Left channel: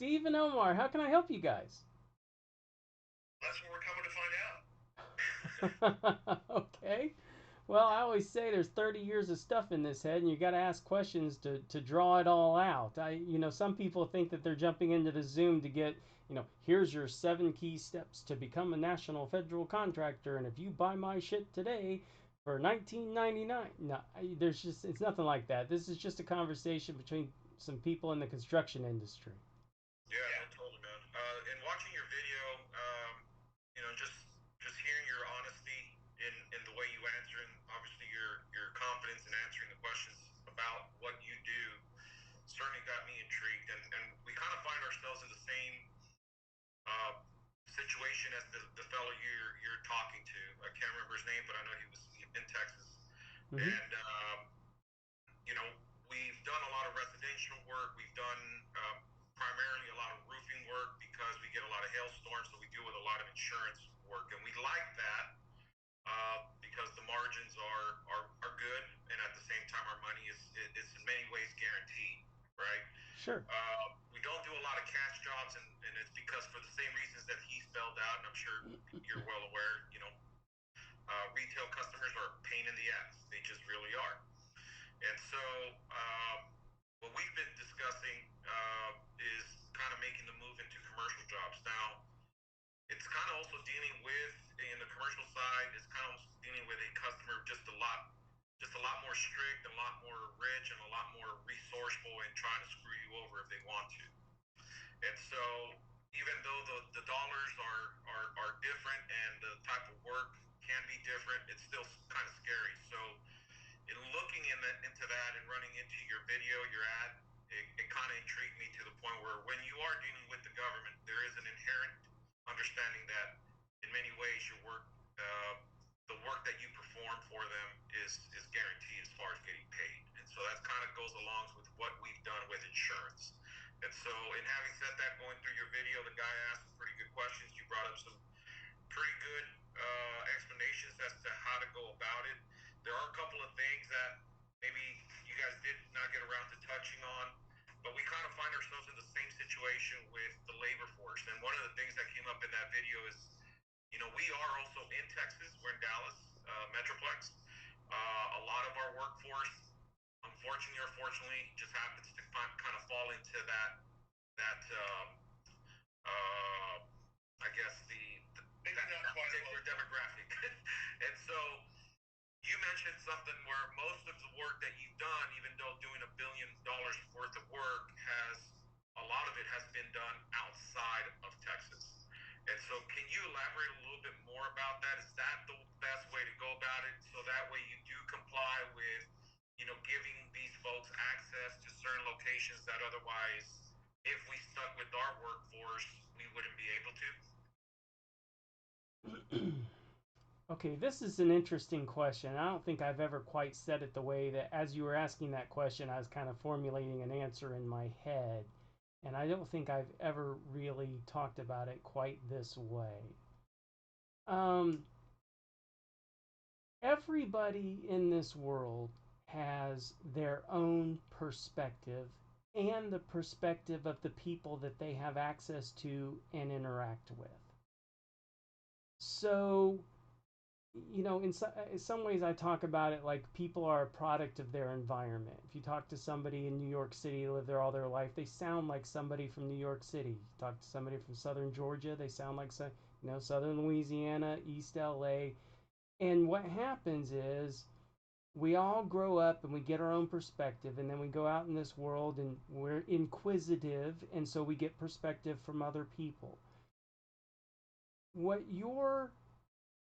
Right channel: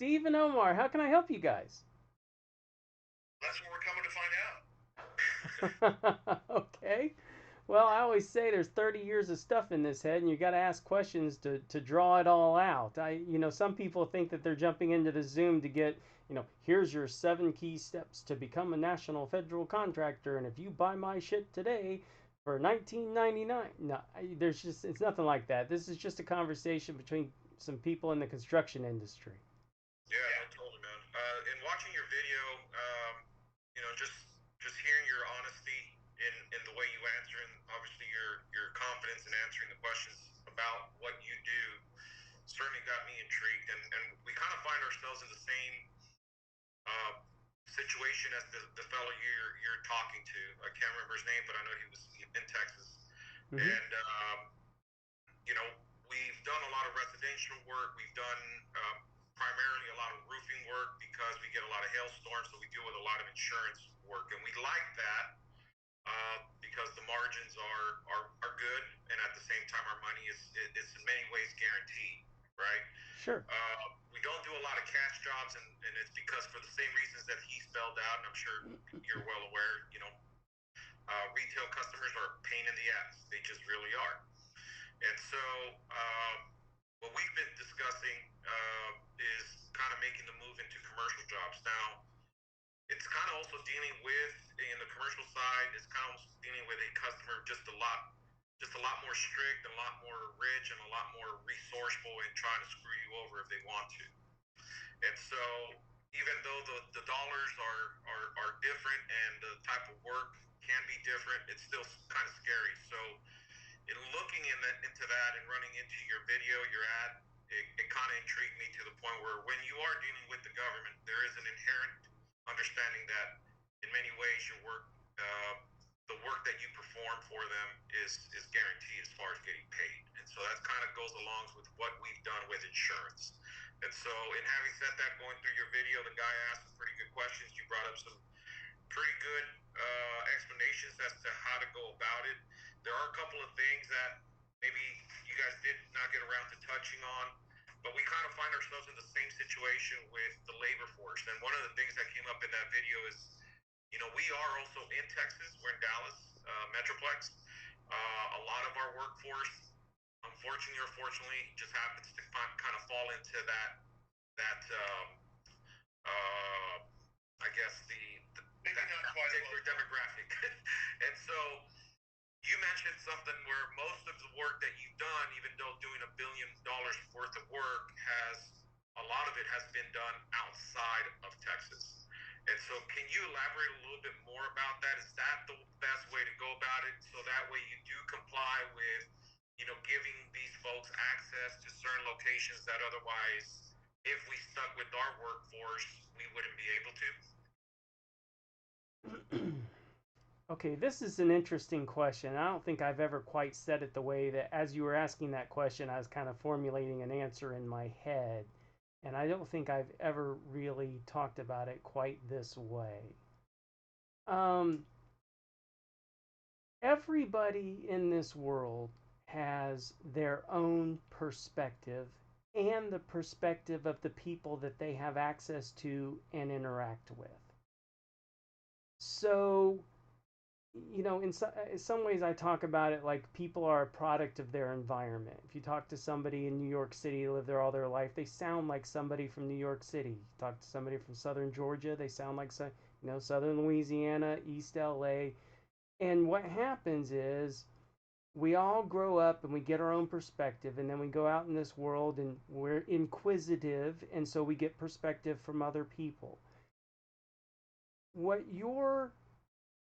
Steve and Omar. How can I help you guys? That's what we're coming to find out. Okay. Well, I always say there's 30 years of stuff in this head, and you got to ask questions to draw it all out. Some people think that they're jumping into the Zoom to get, here's your 7 key steps to become a national federal contractor, and if you buy my shit today for 1999, no, it's nothing like that. This is just a conversation between some people in the construction industry. Yeah, no, totally, man. In watching your video, you know, just hearing your honesty in the way you answer, and obviously your confidence in answering the questions about what you do, certainly got me intrigued. And we kind of find ourselves in the same uh, situation as the fellow you're talking to. I can't remember his name, but I know he was in Texas, Mm-hmm. and you know, we've done a lot of residential work. We've done primarily a lot of roofing work because we get a lot of hailstorms, so we deal with a lot of insurance work, and we like that because the margins are good, and at the same time, our money is in many ways guaranteed, right? Sure. We don't do a lot of cash jobs, and it's because for the same reasons that he spelled out, and I'm sure you're well aware. You know, retail customers are a pain in the ass. They just really are. And so, what we've been discussing is kind of making the move into commercial jobs. Now, it's kind of also dealing with, in the commercial side, it's kind of dealing with a customer just a lot more strict, a lot more rich, and a lot more resourceful in trying to screw you over if they want to. And so, even though the dollars are different and the type of work can be different, it's still kind of scary. So, in looking into that and running into your video, your ad, it kind of intrigued me to the point where when you are dealing with the government, there is an inherent understanding that in many ways your work, the work that you perform for them is guaranteed as far as getting paid. And so that kind of goes along with what we've done with insurance. And so in having said that, going through your video, the guy asked some pretty good questions. You brought up some pretty good explanations as to how to go about it. There are a couple of things that maybe you guys did not get around to touching on, but we kind of find ourselves in the same situation with the labor force. And one of the things that came up in that video is, you know, we are also in Texas. We're in Dallas, Metroplex. A lot of our workforce, unfortunately or fortunately, just happens to kind of fall into that I guess maybe not quite particular demographic. And so you mentioned something where most of the work that you've done, even though doing $1 billion worth of work, a lot of it has been done outside of Texas. And so, can you elaborate a little bit more about that? Is that the best way to go about it? So that way you do comply with, you know, giving these folks access to certain locations that otherwise, if we stuck with our workforce, we wouldn't be able to. Okay, this is an interesting question. I don't think I've ever quite said it the way that, as you were asking that question, I was kind of formulating an answer in my head. And I don't think I've ever really talked about it quite this way. Um, Everybody in this world has their own perspective and the perspective of the people that they have access to and interact with. So, in some ways, I talk about it like people are a product of their environment. If you talk to somebody in New York City, live there all their life, they sound like somebody from New York City. You talk to somebody from Southern Georgia, they sound like Southern Louisiana, East LA. And what happens is we all grow up and we get our own perspective, and then we go out in this world and we're inquisitive, and so we get perspective from other people. What you're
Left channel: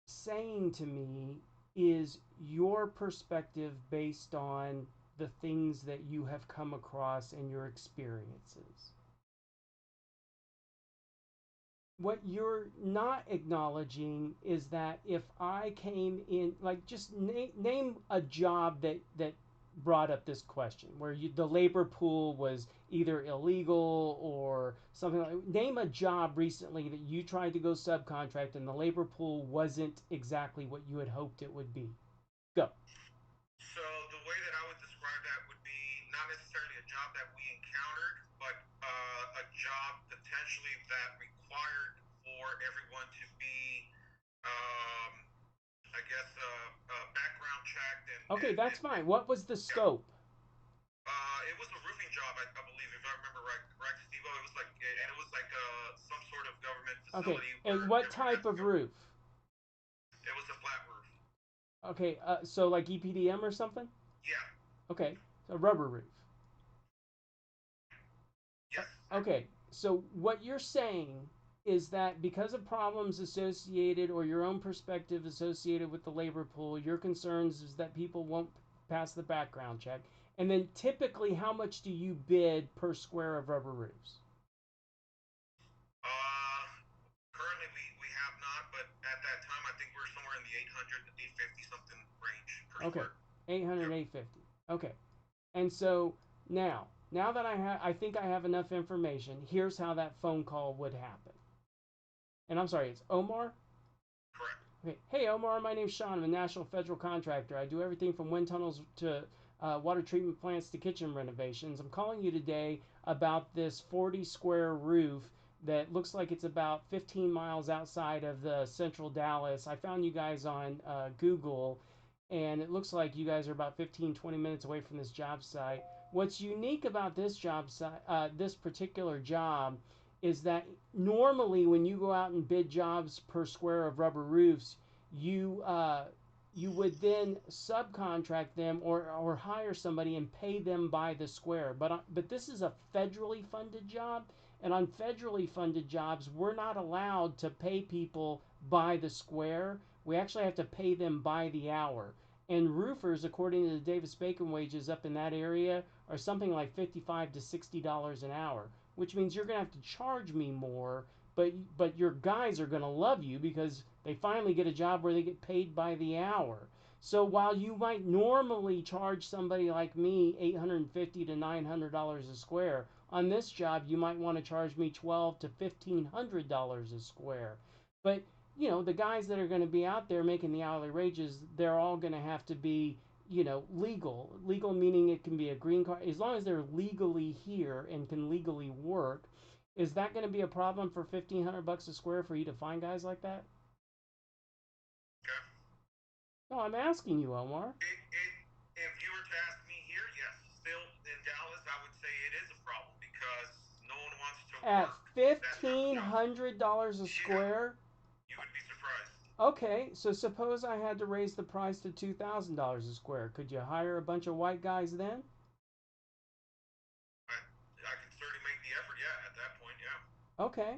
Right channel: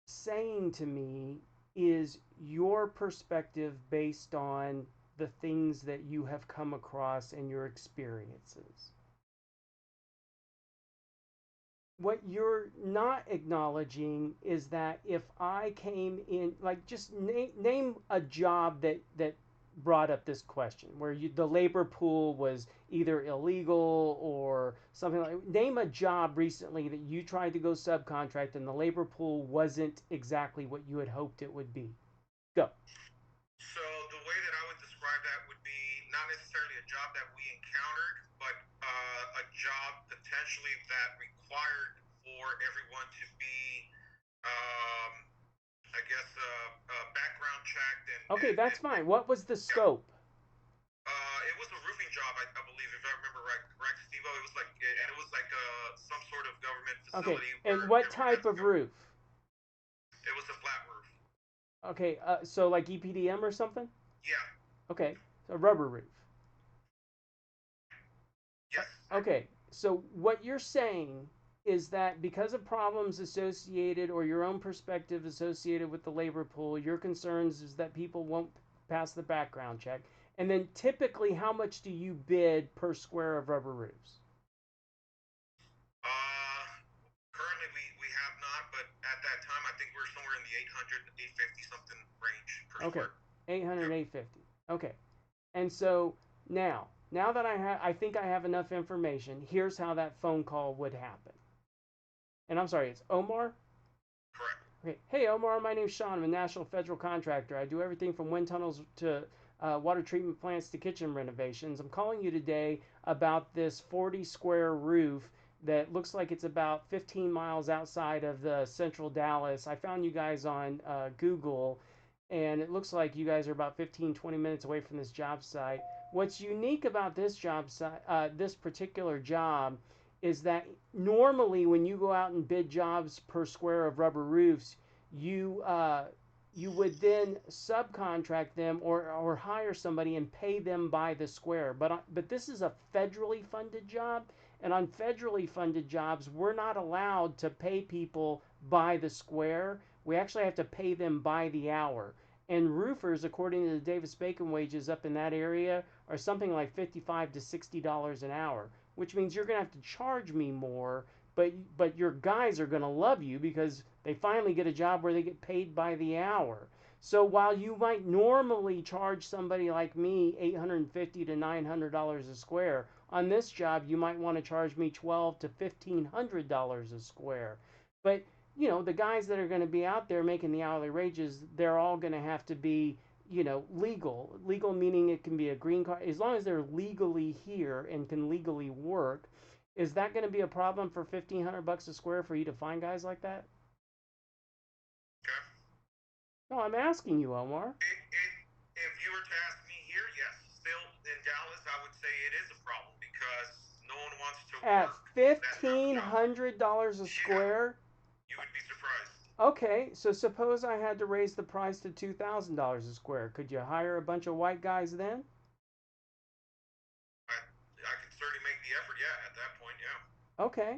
saying to me is your perspective based on the things that you have come across and your experiences. What you're not acknowledging is that if I came in, like, just name a job that brought up this question where the labor pool was either illegal or something. Like, name a job recently that you tried to go subcontract and the labor pool wasn't exactly what you had hoped it would be. Go. So the way that I would describe that would be not necessarily a job that we encountered, but a job potentially that required for everyone to be, um, I guess, background checked Okay, that's and fine. What was the yeah. scope? It was a roofing job, I believe, if I remember right, correct, Steve. It was like, and it was like some sort of government Okay, facility and where what they were going type to of go. roof? It was a flat roof. Okay, so like EPDM or something? Yeah. Okay, a rubber roof. Yes. Okay, so what you're saying is that because of problems associated or your own perspective associated with the labor pool, your concerns is that people won't pass the background check. And then typically, how much do you bid per square of rubber roofs? Uh, Currently we have not, but at that time I think we are somewhere in the 800, 850 something range per Okay, square. 800, Yep. 850. Okay, and so now that I think I have enough information. Here's how that phone call would happen. And I'm sorry, it's Omar. Correct. Okay. Hey, Omar, my name's Sean. I'm a national federal contractor. I do everything from wind tunnels to water treatment plants to kitchen renovations. I'm calling you today about this 40 square roof that looks like it's about 15 miles outside of the central Dallas. I found you guys on Google, and it looks like you guys are about 15, 20 minutes away from this job site. What's unique about this job site, this particular job, is that normally when you go out and bid jobs per square of rubber roofs, you you would then subcontract them or hire somebody and pay them by the square. But this is a federally funded job, and on federally funded jobs, we're not allowed to pay people by the square. We actually have to pay them by the hour. And roofers, according to the Davis Bacon wages up in that area, are something like $55 to $60 an hour, which means you're going to have to charge me more, but your guys are going to love you because they finally get a job where they get paid by the hour. So while you might normally charge somebody like me $850 to $900 a square, on this job you might want to charge me $1,200 to $1,500 a square. But the guys that are going to be out there making the hourly wages, they're all going to have to be legal meaning it can be a green card as long as they're legally here and can legally work. Is that going to be a problem for $1,500 a square for you to find guys like that? Okay. No, I'm asking you, Omar. If you were to ask me here, yes, still in Dallas, I would say it is a problem because no one wants to At work that type of job. $1,500 a Yeah, square? you would be surprised. Okay, so suppose I had to raise the price to $2,000 a square. Could you hire a bunch of white guys then? I could certainly make the effort. Yeah, at that point, yeah. Okay.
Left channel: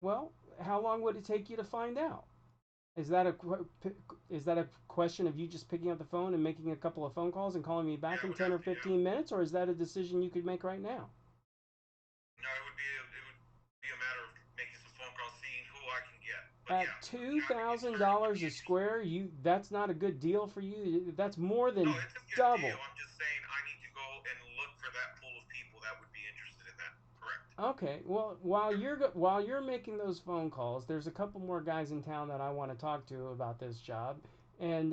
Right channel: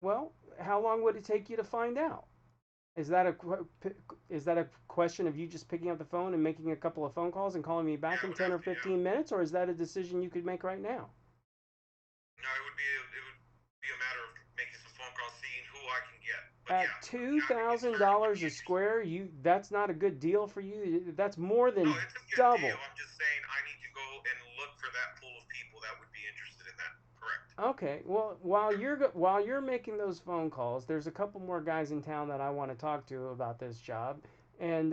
Well, how long would it take you to find out? Is that a is that a question of you just picking up the phone and making a couple of phone calls and calling me back Yeah, it in would 10 have or to. Yeah. 15 minutes, or is that a decision you could make right now? No, it would be a matter of making some phone calls, seeing who I can get. But At yeah, I could certainly would $2,000 be a interested. square, that's not a good deal for you. That's more No, than it's a good deal. double. I'm just saying I need to go and look for that pool of people that would be interested in that. Correct. Okay, well, Yeah. while you're making those phone calls, there's a couple more guys in town that I want to talk to about this job, and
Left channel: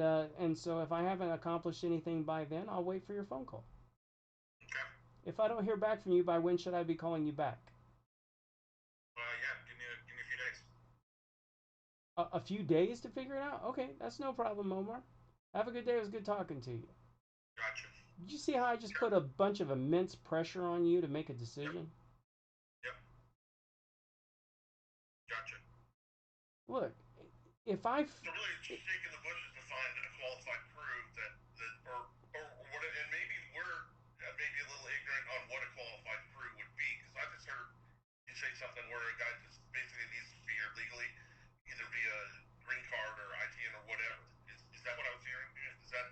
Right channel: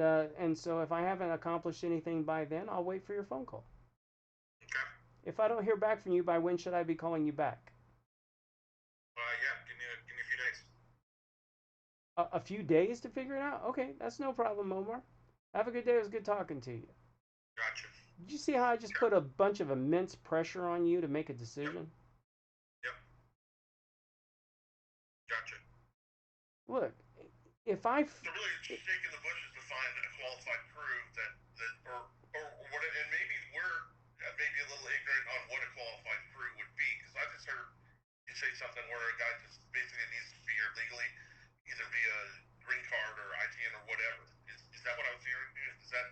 so if I haven't accomplished anything by then, I'll wait for your phone call. Okay. If I don't hear back from you by when should I be calling you back? Yeah. Give me a few days. A few days to figure it out? Okay, that's no problem, Omar. Have a good day. It was good talking to you. Gotcha. Did you see how I just Yeah. put a bunch of immense pressure on you to make a Yep. decision? Yep. Gotcha. Look, if I So really, it's just shaking the bushes to find a qualified crew that or what, and maybe we're maybe a little ignorant on what a qualified crew would be because I just heard you say something where a guy just basically needs to be here legally, either via green card or ITN or whatever. Is that what I was hearing? Is that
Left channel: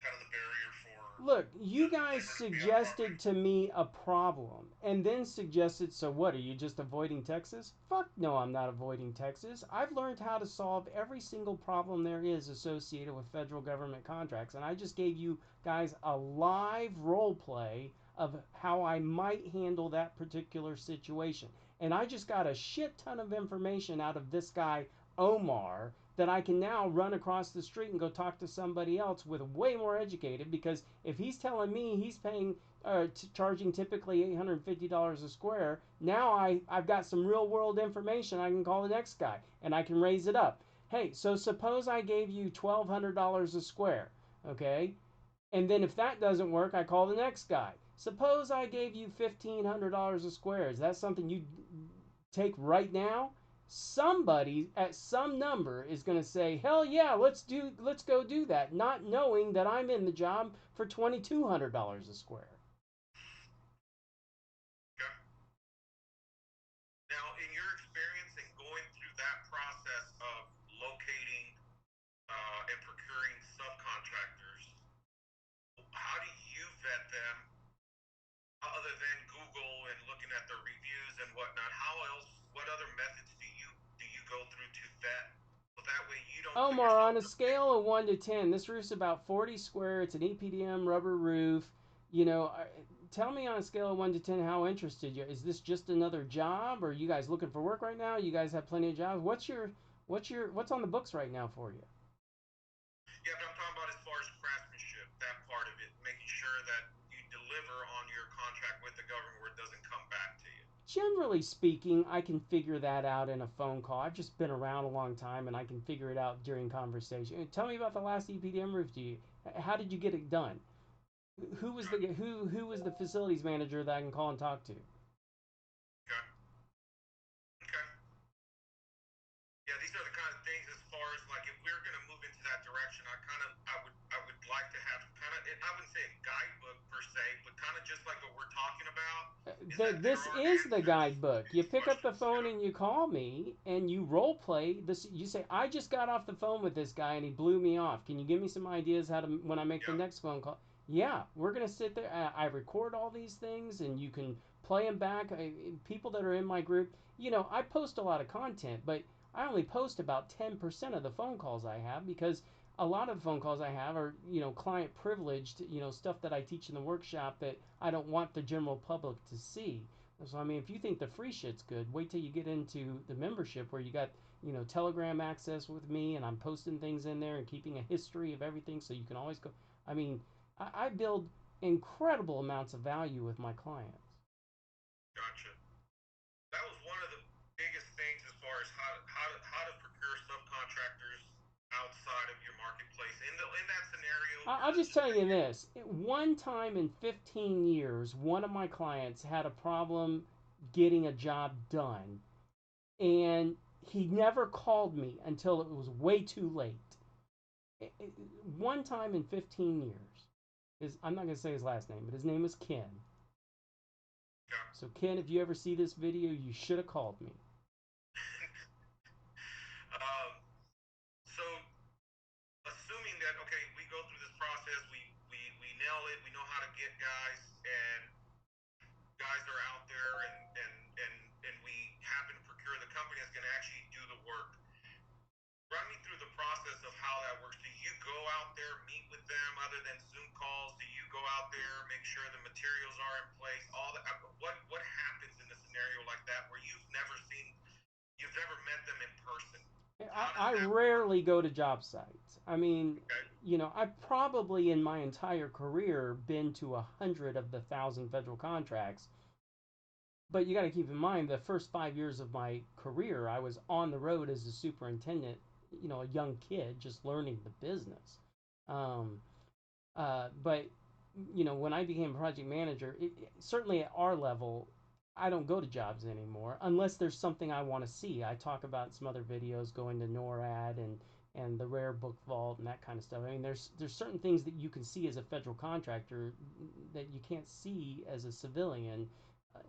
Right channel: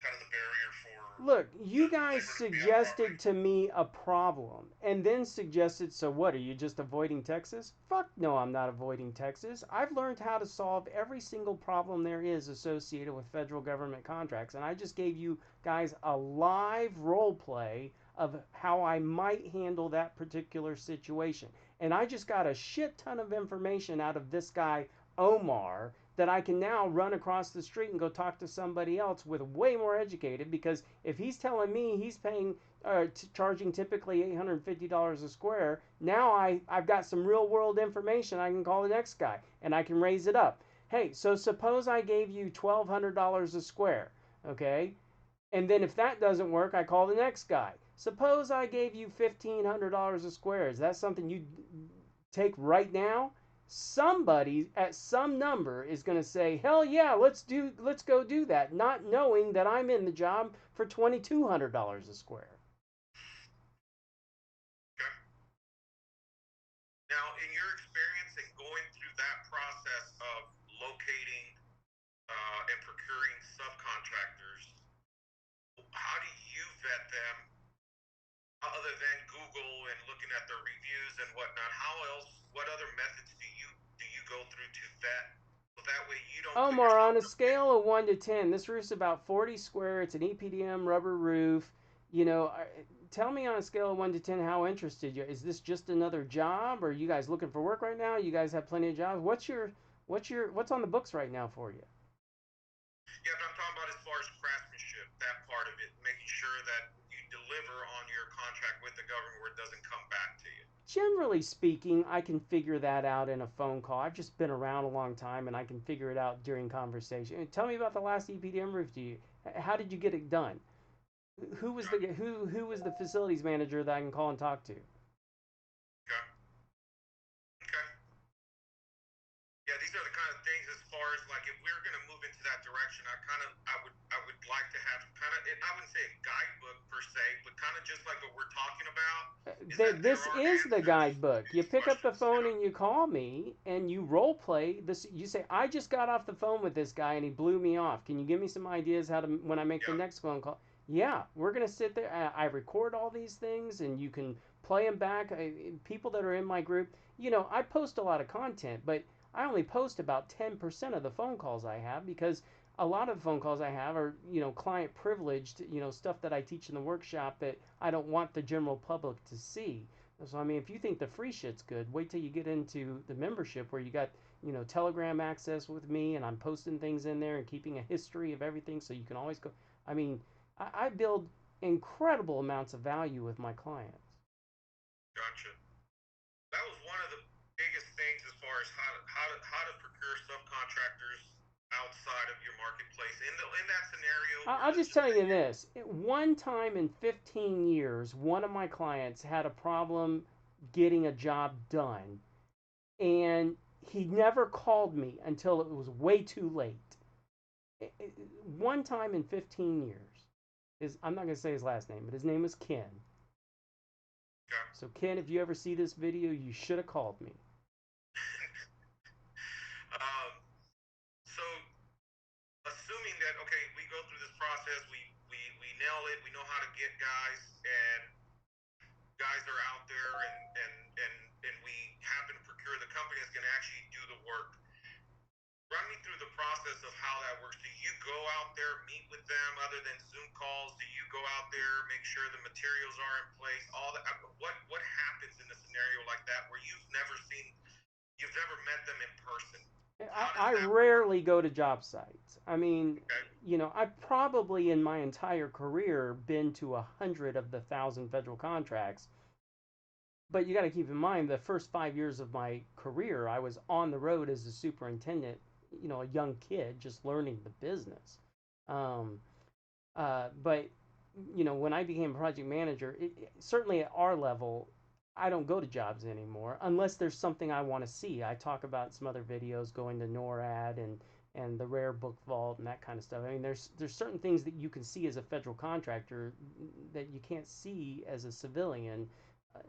kind of the barrier for Look, the you guys labor to be on property? suggested to me a problem and then suggested, so what, are you just avoiding Texas? Fuck no, I'm not avoiding Texas. I've learned how to solve every single problem there is associated with federal government contracts. And I just gave you guys a live role play of how I might handle that particular situation. And I just got a shit ton of information out of this guy, Omar, that I can now run across the street and go talk to somebody else with way more educated, because if he's telling me he's paying charging typically $850 a square. Now I've got some real world information. I can call the next guy and I can raise it up. Hey, so suppose I gave you $1,200 a square, okay? And then if that doesn't work, I call the next guy. Suppose I gave you $1,500 a square. Is that something you take right now? Somebody at some number is going to say, "Hell yeah, let's go do that," not knowing that I'm in the job for $2,200 a square. Okay. Now, in your experience in going through that process of locating and procuring subcontractors, how do you vet them other than Google and looking at their reviews and whatnot? How else? What other methods do you go through to vet so that way you don't put Omar, yourself on a in? scale of 1 to 10, this roof's about 40 square. It's an EPDM rubber roof. Tell me on a scale of 1 to 10 how interested you are. Is this just another job? Or are you guys looking for work right now? You guys have plenty of jobs. What's on the books right now for you? Yeah, but I'm talking about as far as craftsmanship, that part of it, making sure that you deliver on your contract with the government where it doesn't come back to you. Generally speaking, I can figure that out in a phone call. I've just been around a long time and I can figure it out during conversation. Tell me about the last EPDM roof. How did you get it done? Okay. Who was the facilities manager that I can call and talk to? Okay. Okay. Yeah, these are the kind of things as far as like if we're going to move into that direction, I would like to have kind of I wouldn't say a guidebook per se, but kind of just like what we're talking about is that there This are is the answers to guidebook. You these pick up the questions. You phone know? and you call me and you role play this. You say, "I just got off the phone with this guy and he blew me off. Can you give me some ideas how to when I make the Yeah. next phone call?" Yeah, we're gonna sit there. I record all these things and you can play them back. People that are in my group, I post a lot of content, but I only post about 10% of the phone calls I have because a lot of phone calls I have are, client privileged, stuff that I teach in the workshop that I don't want the general public to see. So, I mean, if you think the free shit's good, wait till you get into the membership where you got, Telegram access with me and I'm posting things in there and keeping a history of everything so you can always go. I mean, I build incredible amounts of value with my clients. Gotcha. That was one of the biggest things as far as how to procure subcontractors outside of your marketplace in that scenario where I'll let's just just tell say you this. One time in 15 years, one of my clients had a problem getting a job done, and he never called me until it was way too late. One time in 15 years. I'm not going to say his last name, but his name was Ken. yeah. So, Ken, if you ever see this video, you should have called me. um, so assuming that okay, we go through this process, we nail it, we know how to get guys, and guys are out there, and we happen to procure the company that's going to actually do the work. Run me through the process of how that works. Do you go out there, meet with them, other than Zoom calls? Do you go out there, make sure the materials are in place? All that. What happens in a scenario like that where you've never met them in person? How does I that work? rarely go to job sites. I mean, Okay. I've probably in my entire career been to 100 of the 1,000 federal contracts. But you got to keep in mind the first 5 years of my career, I was on the road as a superintendent, a young kid just learning the business. Um, but when I became project manager, certainly at our level, I don't go to jobs anymore unless there's something I want to see. I talk about some other videos going to NORAD and the rare book vault and that kind of stuff. I mean, there's certain things that you can see as a federal contractor that you can't see as a civilian. Uh,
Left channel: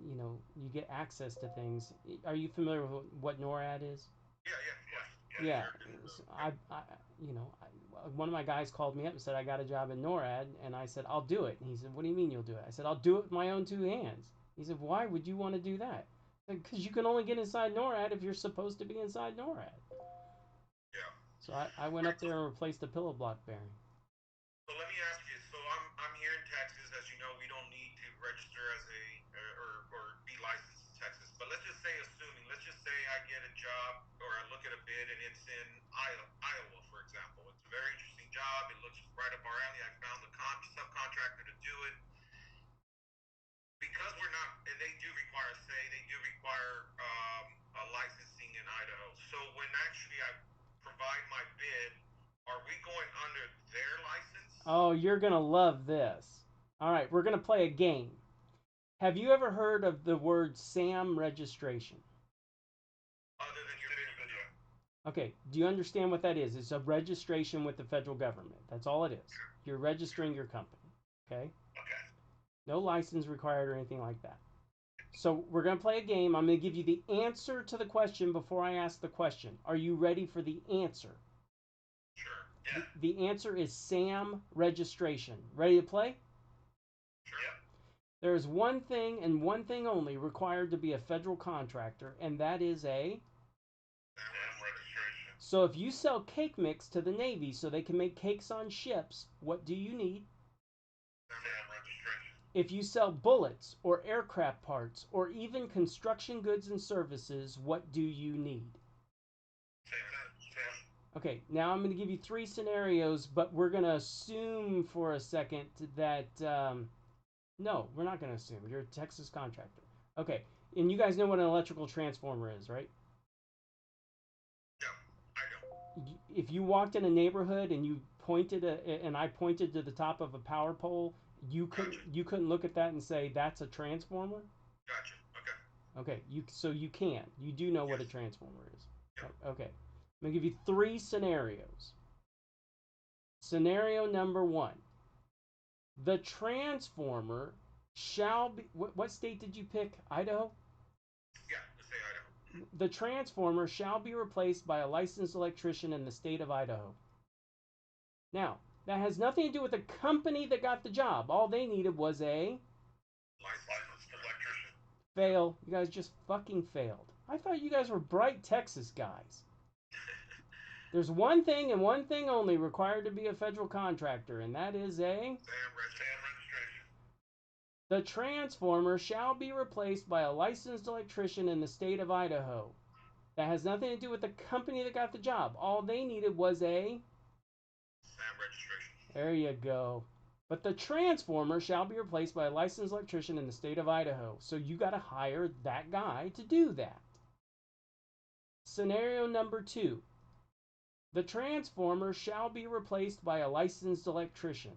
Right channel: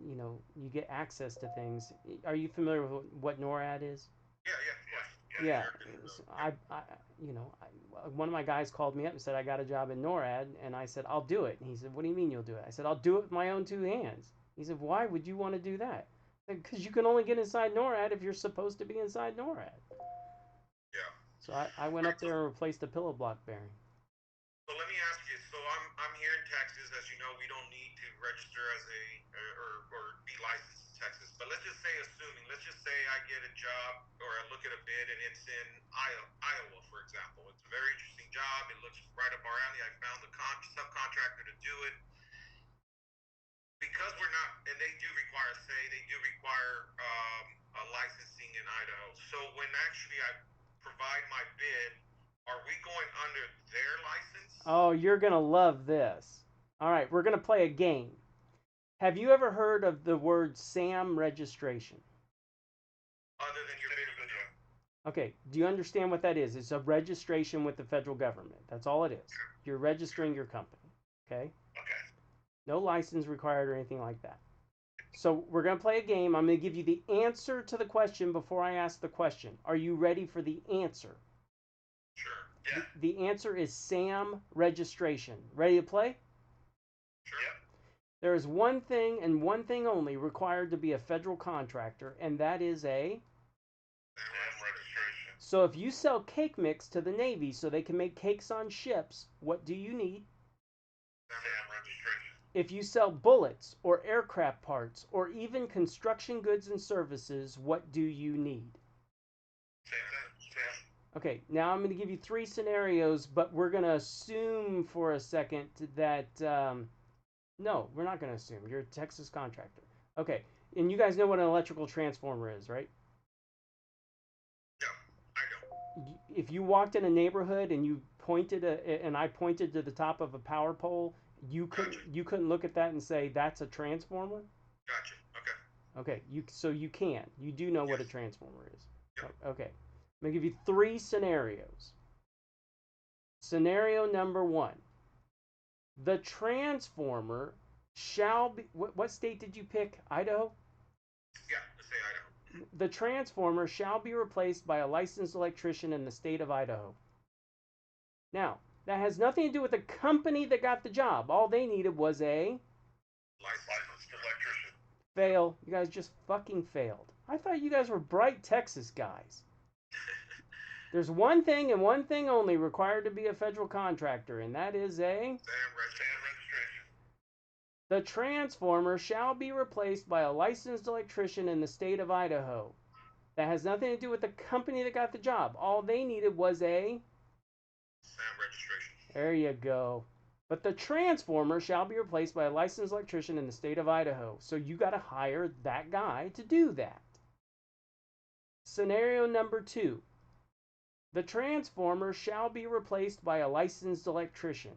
you get access to things. Are you familiar with what NORAD is? Yeah, yeah, of course. Yeah, the Yeah, American. Yeah. one of my guys called me up and said I got a job in NORAD, and I said I'll do it. And he said, "What do you mean you'll do it?" I said, "I'll do it with my own two hands." He said, "Why would you want to do that?" Because you can only get inside NORAD if you're supposed to be inside NORAD. Yeah. So I went All right. up there and replaced the pillow block bearing. So let me ask you. So I'm here in Texas. As you know, we don't need to register as a or be licensed in Texas. But let's just say, let's just say I get a job or I look at a bid and it's in Iowa, for example. It's a very interesting job. It looks right up our alley. I found the subcontractor to do it. actually I provide my bid, are we going under their license? Oh, you're going to love this. All right, we're going to play a game. Have you ever heard of the word SAM registration? Other than your bid video. Okay, do you understand what that is? It's a registration with the federal government. That's all it is. You're registering your company. Okay? Okay. No license required or anything like that. So we're going to play a game. I'm going to give you the answer to the question before I ask the question. Are you ready for the answer? Sure. Yeah. The answer is SAM registration. Ready to play? Sure. Yeah. There is one thing and one thing only required to be a federal contractor, and that is a SAM registration. So if you sell cake mix to the Navy so they can make cakes on ships, what do you need? SAM registration. If you sell bullets or aircraft parts or even construction goods and services, what do you need? SAM. Okay, now I'm going to give you 3 scenarios, but we're going to assume for a second that, no, we're not going to assume. You're a Texas contractor. Okay, and you guys know what an electrical transformer is, right? Yeah, I know. If you walked in a neighborhood and you pointed and I pointed to the top of a power pole, you couldn't look at that and say that's a transformer. Gotcha. Okay. Okay. You can. You do know what a transformer is. Yep. Okay. I'm gonna give you 3 scenarios. Scenario number 1: the transformer shall be. What state did you pick? Idaho. Yeah, let's say Idaho. The transformer shall be replaced by a licensed electrician in the state of Idaho. Now, that has nothing to do with the company that got the job. All they needed was a Licensed electrician. fail. You guys just fucking failed. I thought you guys were bright Texas guys. There's one thing and one thing only required to be a federal contractor, and that is a SAM registration. the transformer shall be replaced by a licensed electrician in the state of Idaho. That has nothing to do with the company that got the job. All they needed was a SAM registration. There you go. But the transformer shall be replaced by a licensed electrician in the state of Idaho. So you got to hire that guy to do that. Scenario number 2: the transformer shall be replaced by a licensed electrician.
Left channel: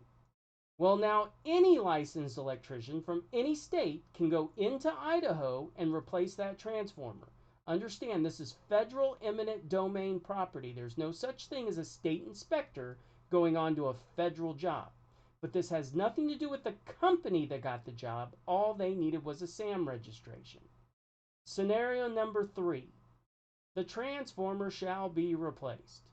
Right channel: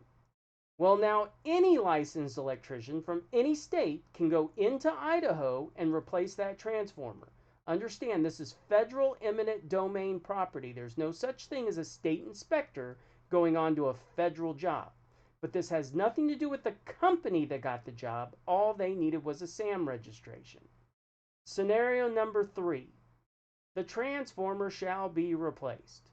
Well, now any licensed electrician from any state can go into Idaho and replace that transformer. Understand, this is federal eminent domain property. There's no such thing as a state inspector going on to a federal job. But this has nothing to do with the company that got the job. All they needed was a SAM registration. Scenario number 3: the transformer shall be replaced.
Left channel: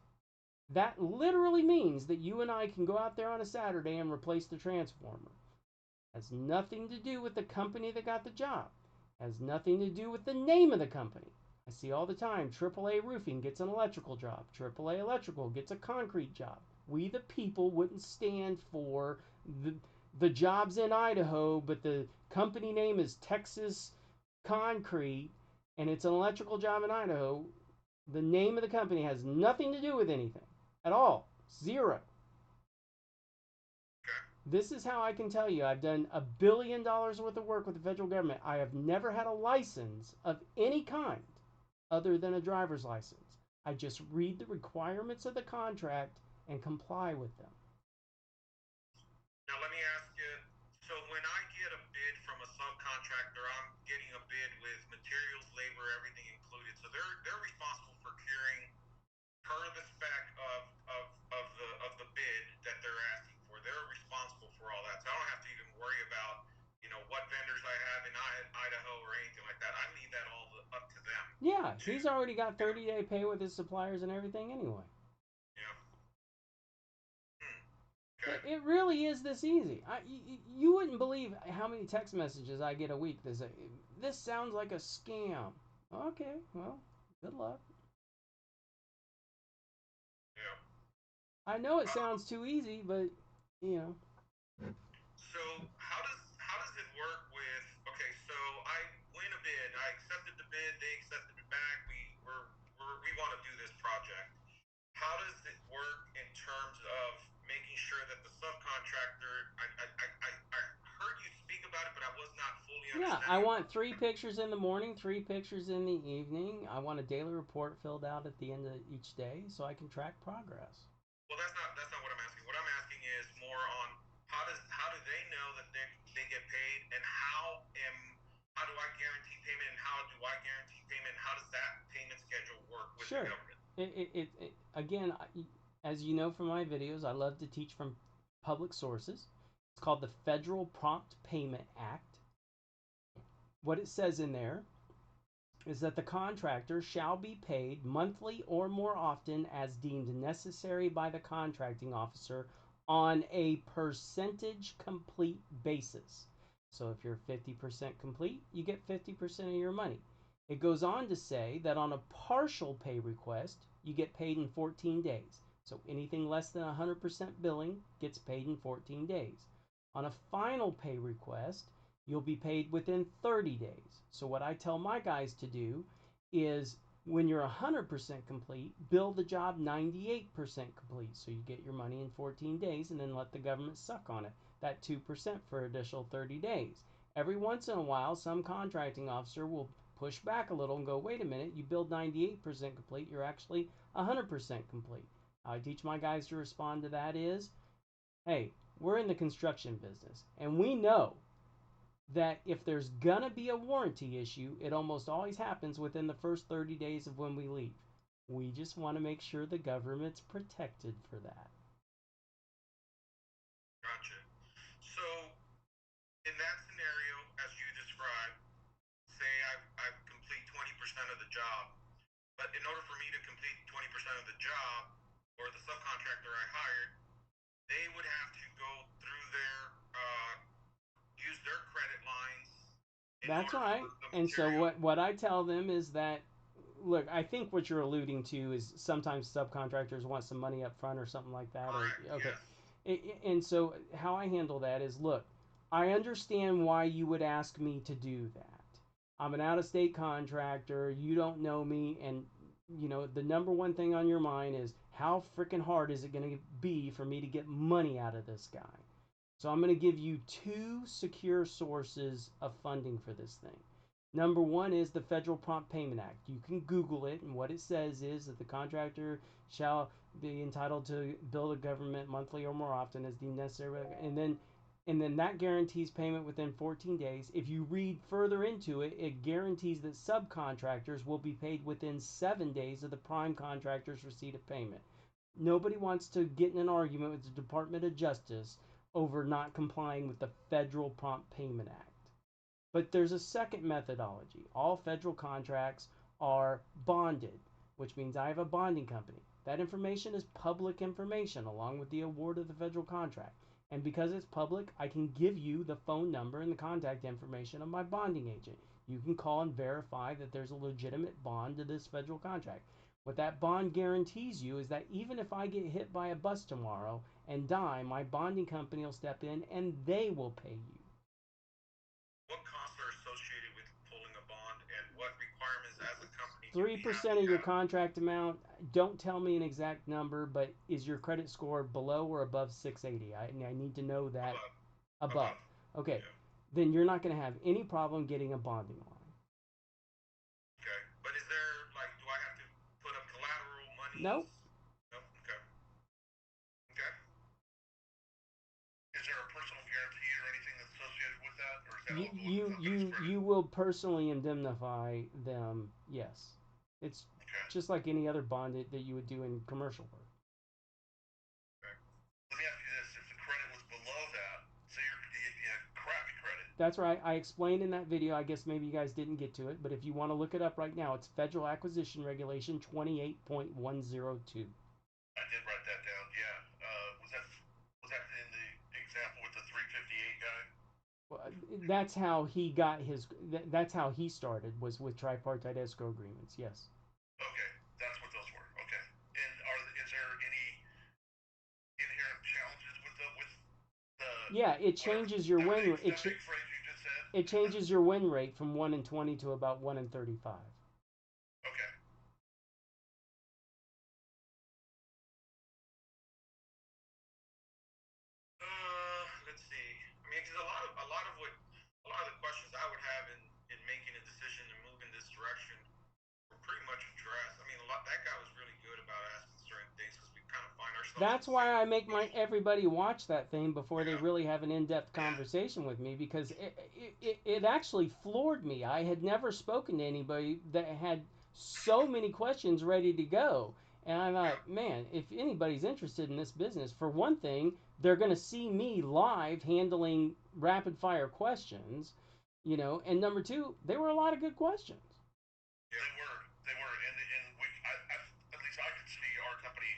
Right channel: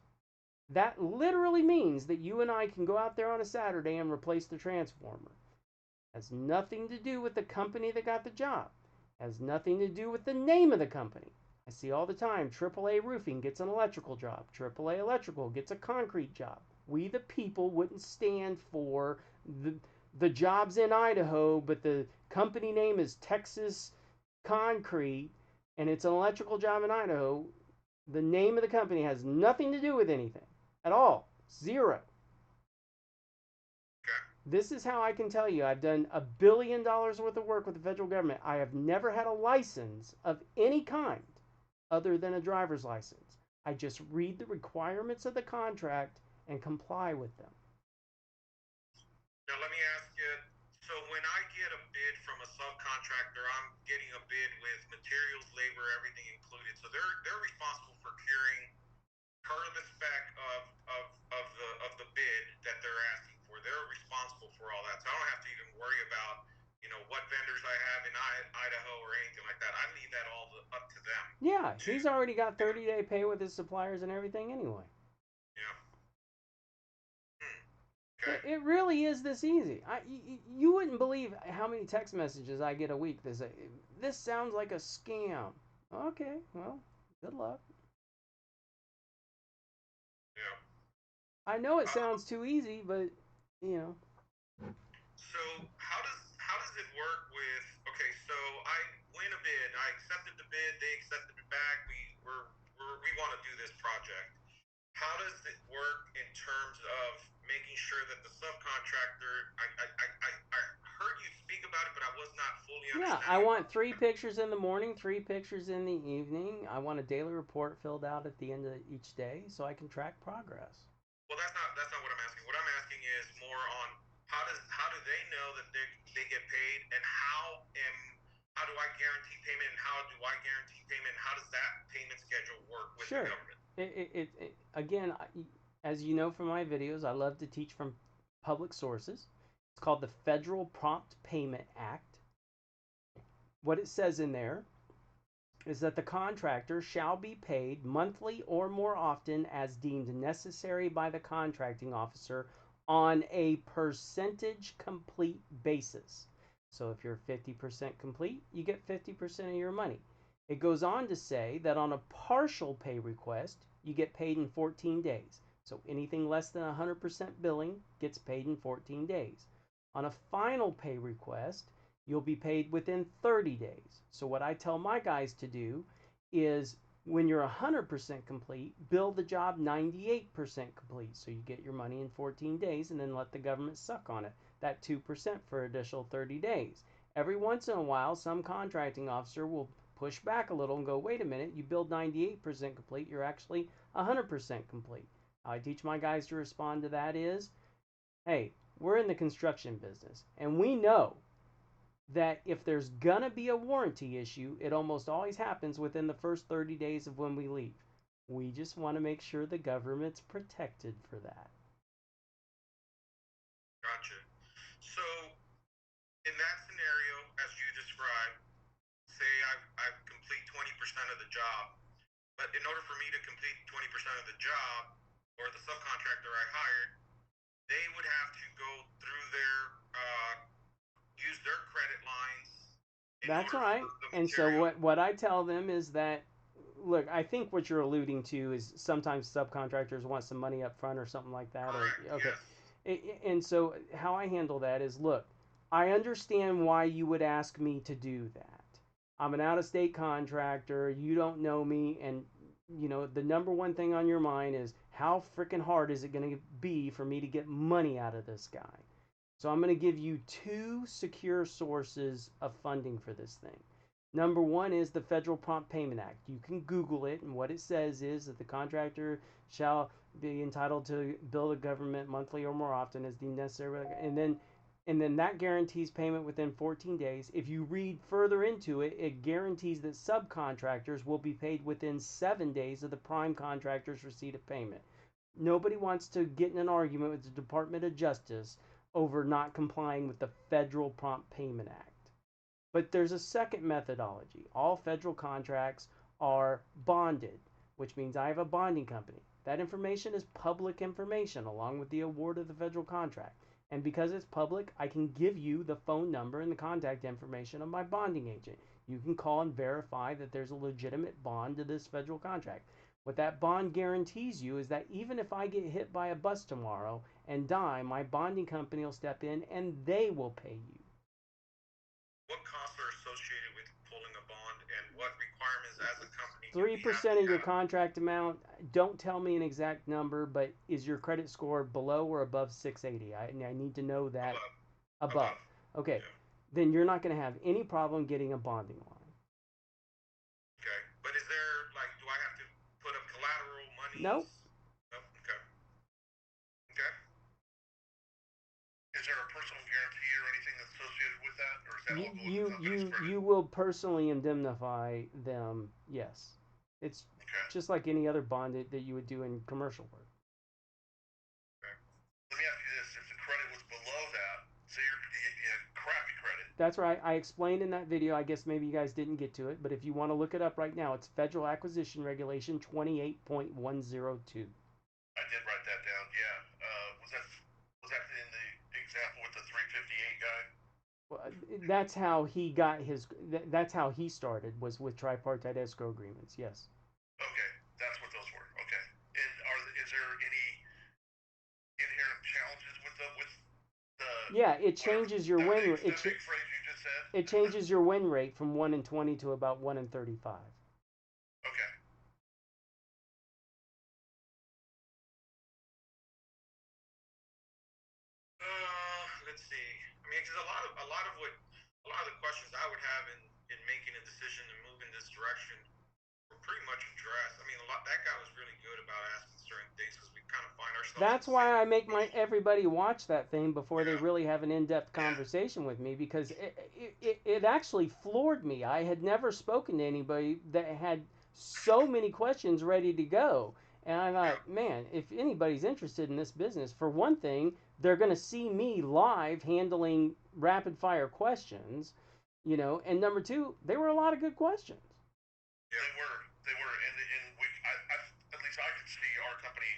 That literally means that you and I can go out there on a Saturday and replace the transformer. Has nothing to do with the company that got the job. Has nothing to do with the name of the company. I see all the time, AAA Roofing gets an electrical job. AAA Electrical gets a concrete job. We the people wouldn't stand for the jobs in Idaho, but the company name is Texas Concrete, and it's an electrical job in Idaho. The name of the company has nothing to do with anything at all. Zero. Okay. This is how I can tell you I've done $1 billion worth of work with the federal government. I have never had a license of any kind other than a driver's license. I just read the requirements of the contract and comply with them. Now let me ask you, so when I get a bid from a subcontractor, I'm getting a bid with materials, labor, everything included. So they're responsible for procuring per the spec of the bid that they're asking for. They're responsible for all that. So I don't have to even worry about, what vendors I have in Idaho or anything like that. I leave that all up to them. Yeah, he's already got 30-day pay with his suppliers and everything anyway. Yeah. Okay. It really is this easy. You wouldn't believe how many text messages I get a week that say, this sounds like a scam. Okay, well, good luck. Yeah. I know it sounds too easy, but, So how does it work with? Okay, so I win a bid. I accepted the bid. They accepted it back. We want to do this project. How does it work in terms of making sure that the subcontractor? I heard you speak about it, but I was not fully understanding. I want 3 pictures in the morning, 3 pictures in the evening. I want a daily report filled out at the end of each day so I can track progress. Well, that's not what I'm asking. What I'm asking is more on how do they know that they get paid, and how do I guarantee payment, and how do I guarantee payment, and how does that payment schedule work with the Sure. government? Again, as you know from my videos, I love to teach from public sources. It's called the Federal Prompt Payment Act. What it says in there is that the contractor shall be paid monthly or more often as deemed necessary by the contracting officer on a percentage complete basis. So if you're 50% complete, you get 50% of your money. It goes on to say that on a partial pay request, you get paid in 14 days. So anything less than 100% billing gets paid in 14 days. On a final pay request, you'll be paid within 30 days. So what I tell my guys to do is when you're 100% complete, bill the job 98% complete. So you get your money in 14 days and then let the government suck on it, that 2% for additional 30 days. Every once in a while, some contracting officer will push back a little and go, wait a minute, you billed 98% complete, you're actually 100% complete. How I teach my guys to respond to that is, hey, we're in the construction business, and we know that if there's gonna be a warranty issue, it almost always happens within the first 30 days of when we leave. We just want to make sure the government's protected for that. Gotcha. So, in that scenario, as you described, say I complete 20% of the job, but in order for me to complete 20% of the job, or the subcontractor I hired, they would have to go through use their credit lines in That's order right. for the And so material. what I tell them is that, look, I think what you're alluding to is sometimes subcontractors want some money up front or something like that. Or Correct. okay, Yes. and so how I handle that is, look, I understand why you would ask me to do that. I'm an out-of-state contractor. You don't know me, and the number one thing on your mind is how freaking hard is it going to be for me to get money out of this guy. So I'm going to give you 2 secure sources of funding for this thing. Number one is the Federal Prompt Payment Act. You can Google it, and what it says is that the contractor shall be entitled to bill the government monthly or more often as deemed necessary, and then that guarantees payment within 14 days. If you read further into it, it guarantees that subcontractors will be paid within 7 days of the prime contractor's receipt of payment. Nobody wants to get in an argument with the Department of Justice over not complying with the Federal Prompt Payment Act. But there's a second methodology. All federal contracts are bonded, which means I have a bonding company. That information is public information along with the award of the federal contract. And because it's public, I can give you the phone number and the contact information of my bonding agent. You can call and verify that there's a legitimate bond to this federal contract. What that bond guarantees you is that even if I get hit by a bus tomorrow and die, my bonding company will step in and they will pay you. What costs are associated with pulling a bond, and what requirements as a company do Three we have percent to of your have? contract amount. Don't tell me an exact number, but is your credit score below or above 680? I need to know that. Above. Above. Above. Okay. Yeah. Then you're not going to have any problem getting a bonding line. Okay. But is there, like, do I have to put up collateral monies? Nope. No. Okay. Okay. Is there a personal guarantee or anything that's associated with that, or is that You all going to the you company's you credit? you will personally indemnify them. Yes. It's Okay. just like any other bond that you would do in commercial work. Okay. Let me ask you this: if the credit was below that, say you had crappy credit. That's right. I explained in that video. I guess maybe you guys didn't get to it, but if you want to look it up right now, it's Federal Acquisition Regulation 28.102. I did write that down. Yeah. Was that in the example with the 358 guy? Well, that's how he got his. That's how he started, was with tripartite escrow agreements. Yes. Okay, that's what those were. Okay. And is there any inherent challenges with the Yeah, it whatever changes your that win. big that big phrase you just said? It changes your win rate from 1 in 20 to about 1 in 35. Okay. Let's see. I mean, because a lot of the questions I would have in So That's it's why I make my everybody watch that thing before they yeah, really have an in-depth yeah, conversation with me, because it actually floored me. I had never spoken to anybody that had so many questions ready to go. And I yeah, thought, man, if anybody's interested in this business, for one thing, they're going to see me live handling rapid fire questions, and number two, they were a lot of good questions. yeah. They were, and at least I could see our company.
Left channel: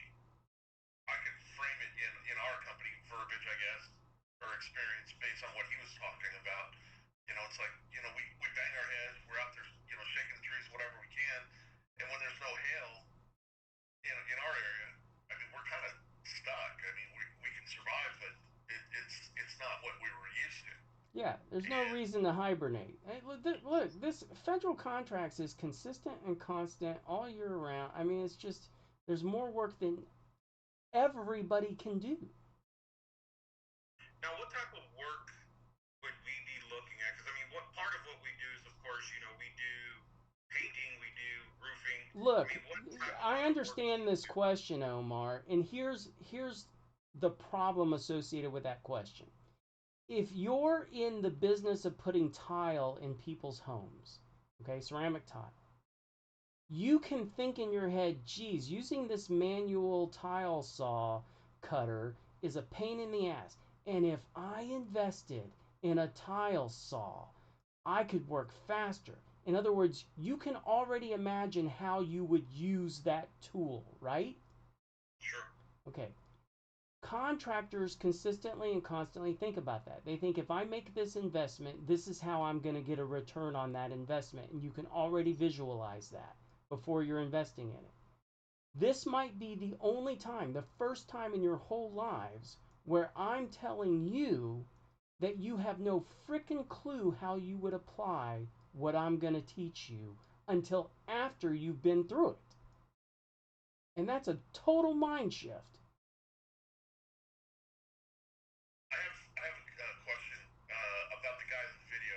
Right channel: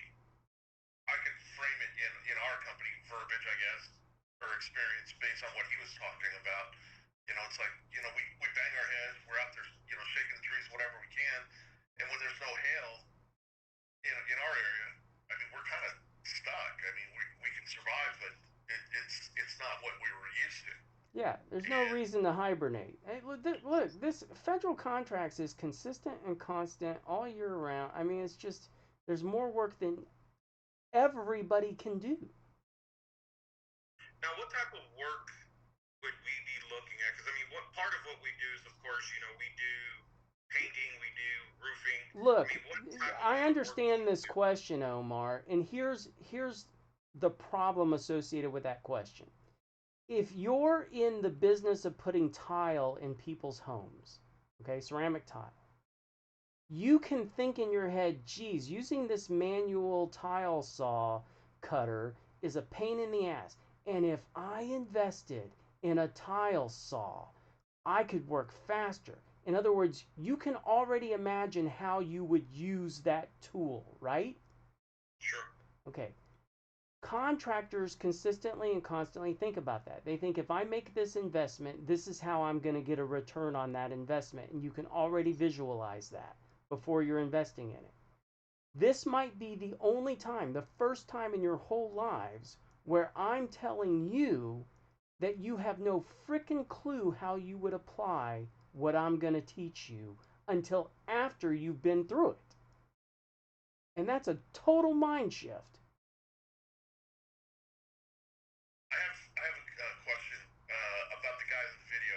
I could frame it in our company verbiage, I guess, or experience based on what he was talking about. It's like, we bang our heads, we're out there, shaking the trees, whatever we can. And when there's no hail in our area, I mean, we're kind of stuck. I mean, we can survive, but it's not what we were used to. Yeah, there's no And reason to hibernate. Hey, look, this federal contracts is consistent and constant all year round. I mean, it's just there's more work than everybody can do. now, what type of work would we be looking at? Because I mean, what part of what we do is, of course, we do painting, we do roofing. I Look, mean, what type of I other work do understand we this do? question, Omar, and here's the problem associated with that question. If you're in the business of putting tile in people's homes, okay, ceramic tile, you can think in your head, geez, using this manual tile saw cutter is a pain in the ass. And if I invested in a tile saw, I could work faster. In other words, you can already imagine how you would use that tool, right? Sure. Okay. Contractors consistently and constantly think about that. They think if I make this investment, this is how I'm going to get a return on that investment. And you can already visualize that before you're investing in it. This might be the only time, the first time in your whole lives, where I'm telling you that you have no frickin' clue how you would apply what I'm going to teach you until after you've been through it. And that's a total mind shift. I have a question about the guy in the video.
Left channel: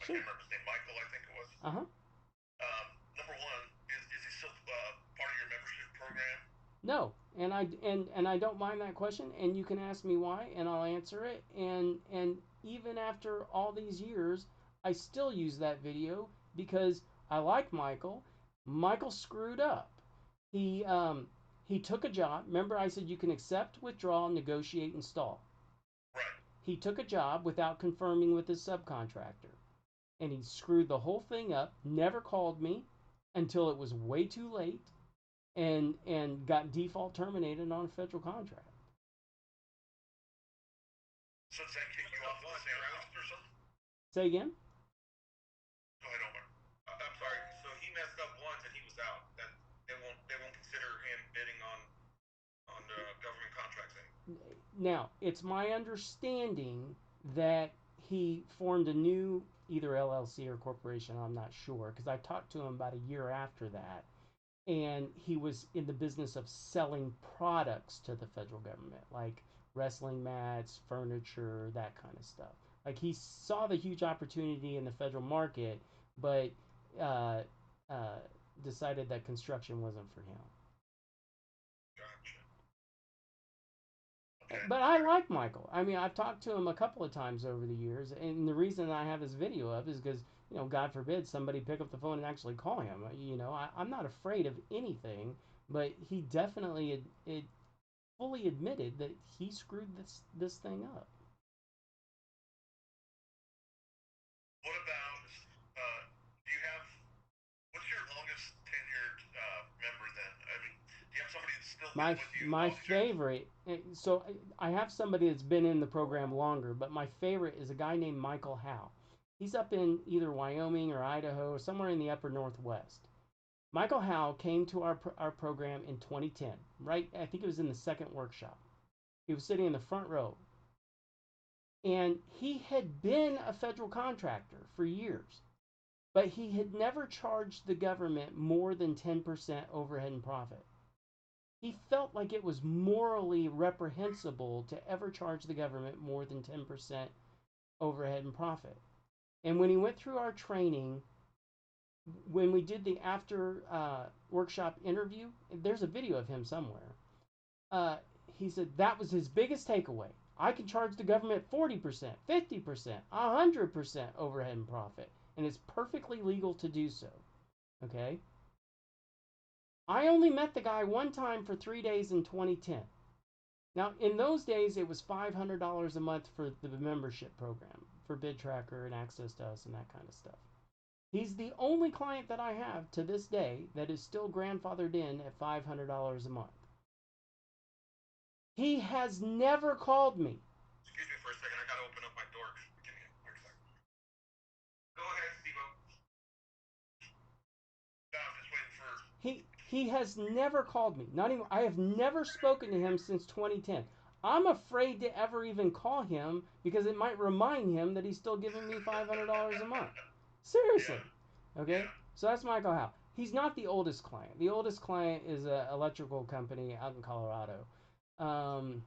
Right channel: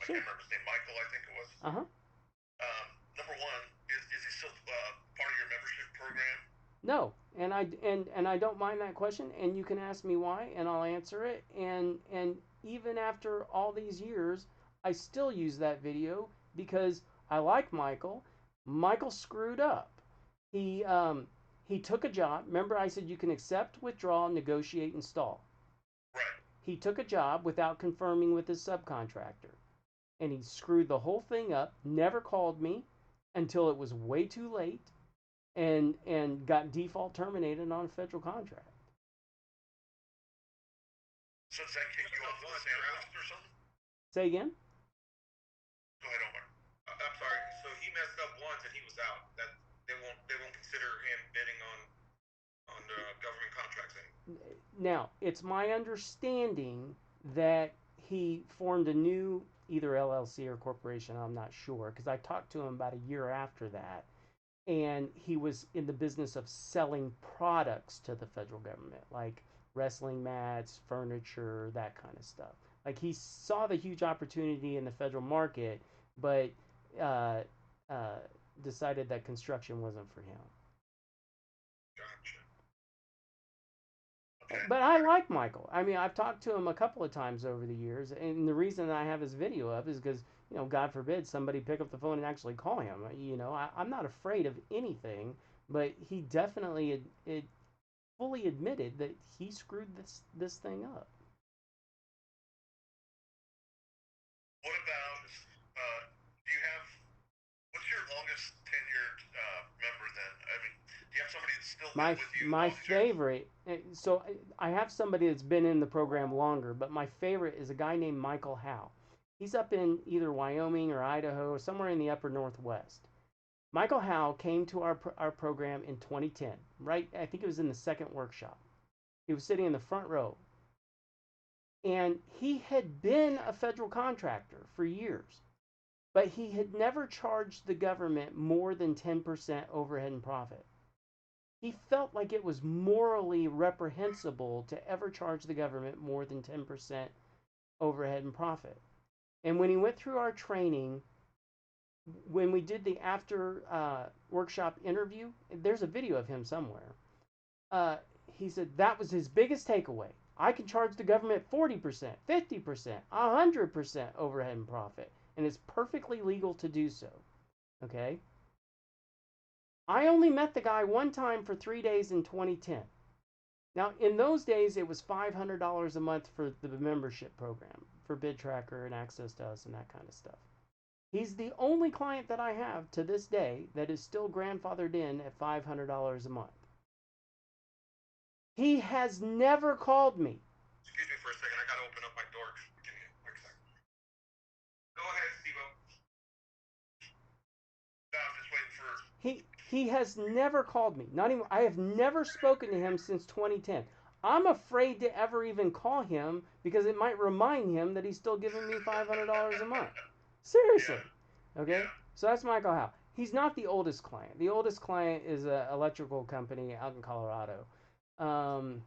I Sure. can't remember his name. Michael, I think it was. Uh huh. Number one, is he still part of your membership program? No, and I don't mind that question, and you can ask me why, and I'll answer it. And even after all these years, I still use that video because I like Michael. Michael screwed up. He took a job. Remember, I said you can accept, withdraw, negotiate, install. Right. He took a job without confirming with his subcontractor, and he screwed the whole thing up. Never called me until it was way too late, and got default terminated on a federal contract. So does that kick you off the SAM list or something? Say again? Go ahead, Omar. I'm sorry. So he messed up once and he was out. That they won't consider him bidding on the government contracts anymore. Now, it's my understanding that he formed a new either LLC or corporation, I'm not sure, because I talked to him about a year after that, and he was in the business of selling products to the federal government, like wrestling mats, furniture, that kind of stuff. Like he saw the huge opportunity in the federal market, but uh, uh, decided that construction wasn't for him. Gotcha. Okay. But I like Michael. I mean, I've talked to him a couple of times over the years, and the reason I have his video up is because, God forbid somebody pick up the phone and actually call him. I'm not afraid of anything, but he definitely fully admitted that he screwed this thing up. What about? Do you have? What's your longest tenured member then? I mean, do you have somebody that's still been My with you my longevity? favorite. So I have somebody that's been in the program longer, but my favorite is a guy named Michael Howe. He's up in either Wyoming or Idaho, or somewhere in the upper northwest. Michael Howe came to our program in 2010, right? I think it was in the second workshop. He was sitting in the front row, and he had been a federal contractor for years, but he had never charged the government more than 10% overhead and profit. He felt like it was morally reprehensible to ever charge the government more than 10% overhead and profit. And when he went through our training, when we did the after workshop interview, there's a video of him somewhere. Uh, he said that was his biggest takeaway. I can charge the government 40%, 50%, 100% overhead and profit, and it's perfectly legal to do so. Okay? I only met the guy one time for 3 days in 2010. Now, in those days, it was $500 a month for the membership program for Bid Tracker and access to us and that kind of stuff. He's the only client that I have to this day that is still grandfathered in at $500 a month. He has never called me. Excuse me for a second. I got to open up my door. Give me a quick second. Go ahead, Steve. No, I'm just waiting for. He has never called me. Not even. I have never spoken to him since 2010. I'm afraid to ever even call him because it might remind him that he's still giving me $500 a month. Seriously. Okay? So that's Michael Howe. He's not the oldest client. The oldest client is an electrical company out in Colorado. And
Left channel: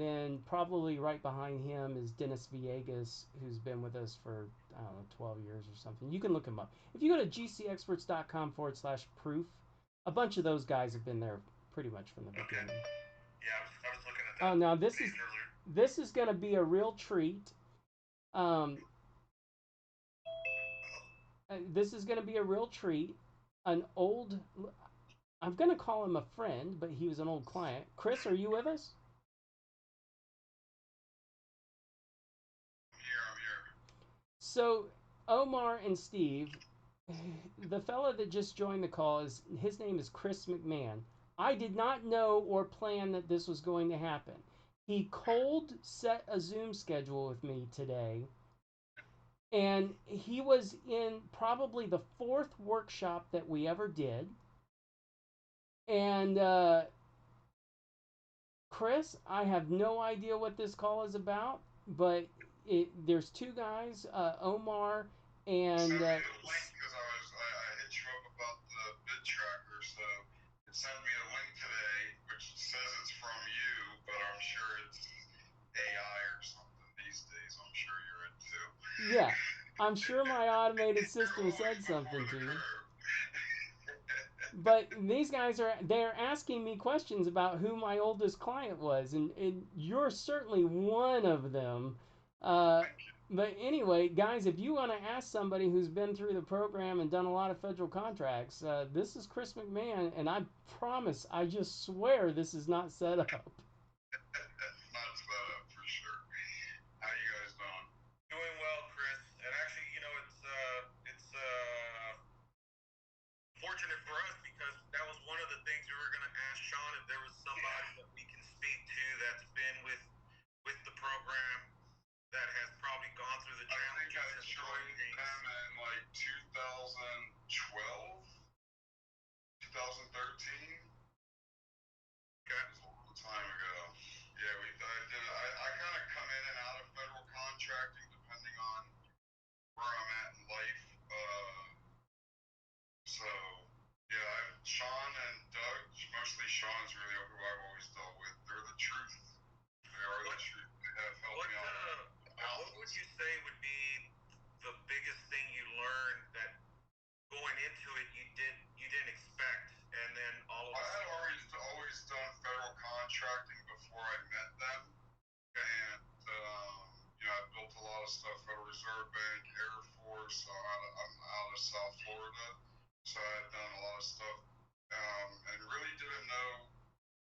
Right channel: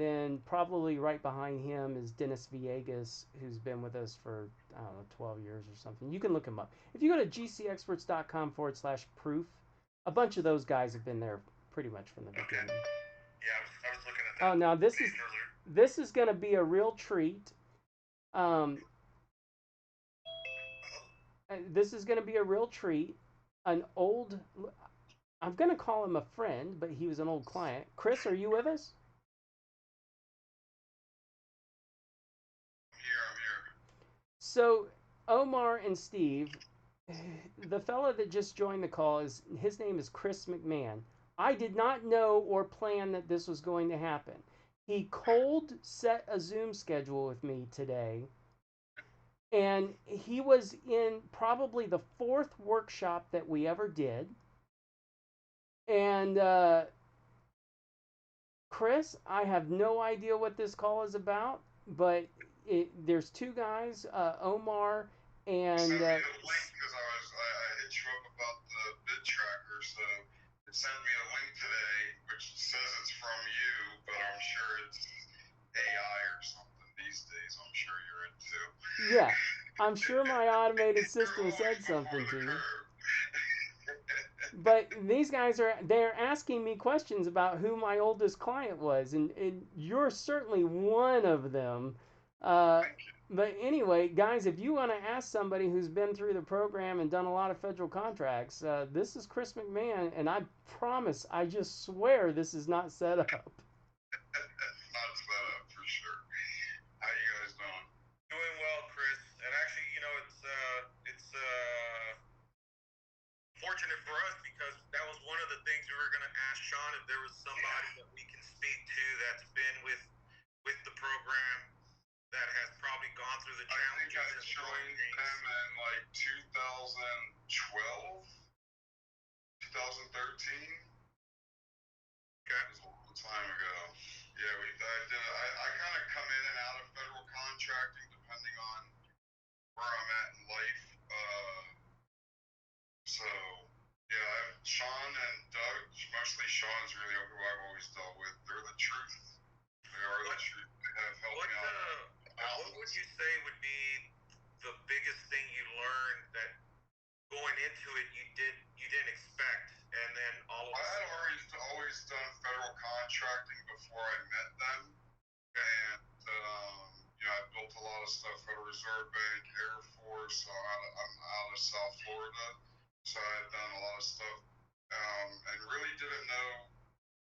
then probably right behind him is Dennis Villegas, who's been with us for, I don't know, 12 years or something. You can look him up. If you go to GCExperts.com/proof, a bunch of those guys have been there pretty much from the beginning. Yeah, I was looking at that. Oh, now this is going to be a real treat. This is going to be a real treat. I'm going to call him a friend, but he was an old client. Chris, are you with us? I'm here. So Omar and Steve, the fella that just joined the call, his name is Chris McMahon. I did not know or plan that this was going to happen. He cold set a Zoom schedule with me today, and he was in probably the 4th workshop that we ever did. And Chris, I have no idea what this call is about, but there's two guys, Omar and. Send me a link because I hit you up about the bid tracker, so it sent me a link today, which says it's from you, but I'm sure it's AI or something these days. I'm sure you're into. Yeah, I'm sure my automated system said something to you. But these guys they're asking me questions about who my oldest client was, and you're certainly one of them. But anyway, guys, if you want to ask somebody who's been through the program and done a lot of federal contracts, this is Chris McMahon, and I promise, I just swear this is not set up. It's not set up for sure. How you guys doing? Doing well, Chris. And actually, it's fortunate for us because that was one of the things we were going to ask Sean if there was somebody that we can speak to that's been with the program that has probably gone through the challenges. I think I joined them in like 2012, 2013. Okay. It was a long time ago. Yeah, I kind of come in and out of federal contracting depending on where I'm at in life. So, yeah, Sean and Doug, mostly Sean's really who I've always dealt with. They're the truth. They are the truth. They have helped me out. What would you say would be the biggest thing you learned that going into it you didn't expect, and then all of a sudden? I had always done federal contracting before I met them, and I built a lot of stuff for the Reserve Bank, Air Force. I'm out of South Florida, so I had done a lot of stuff, and really didn't know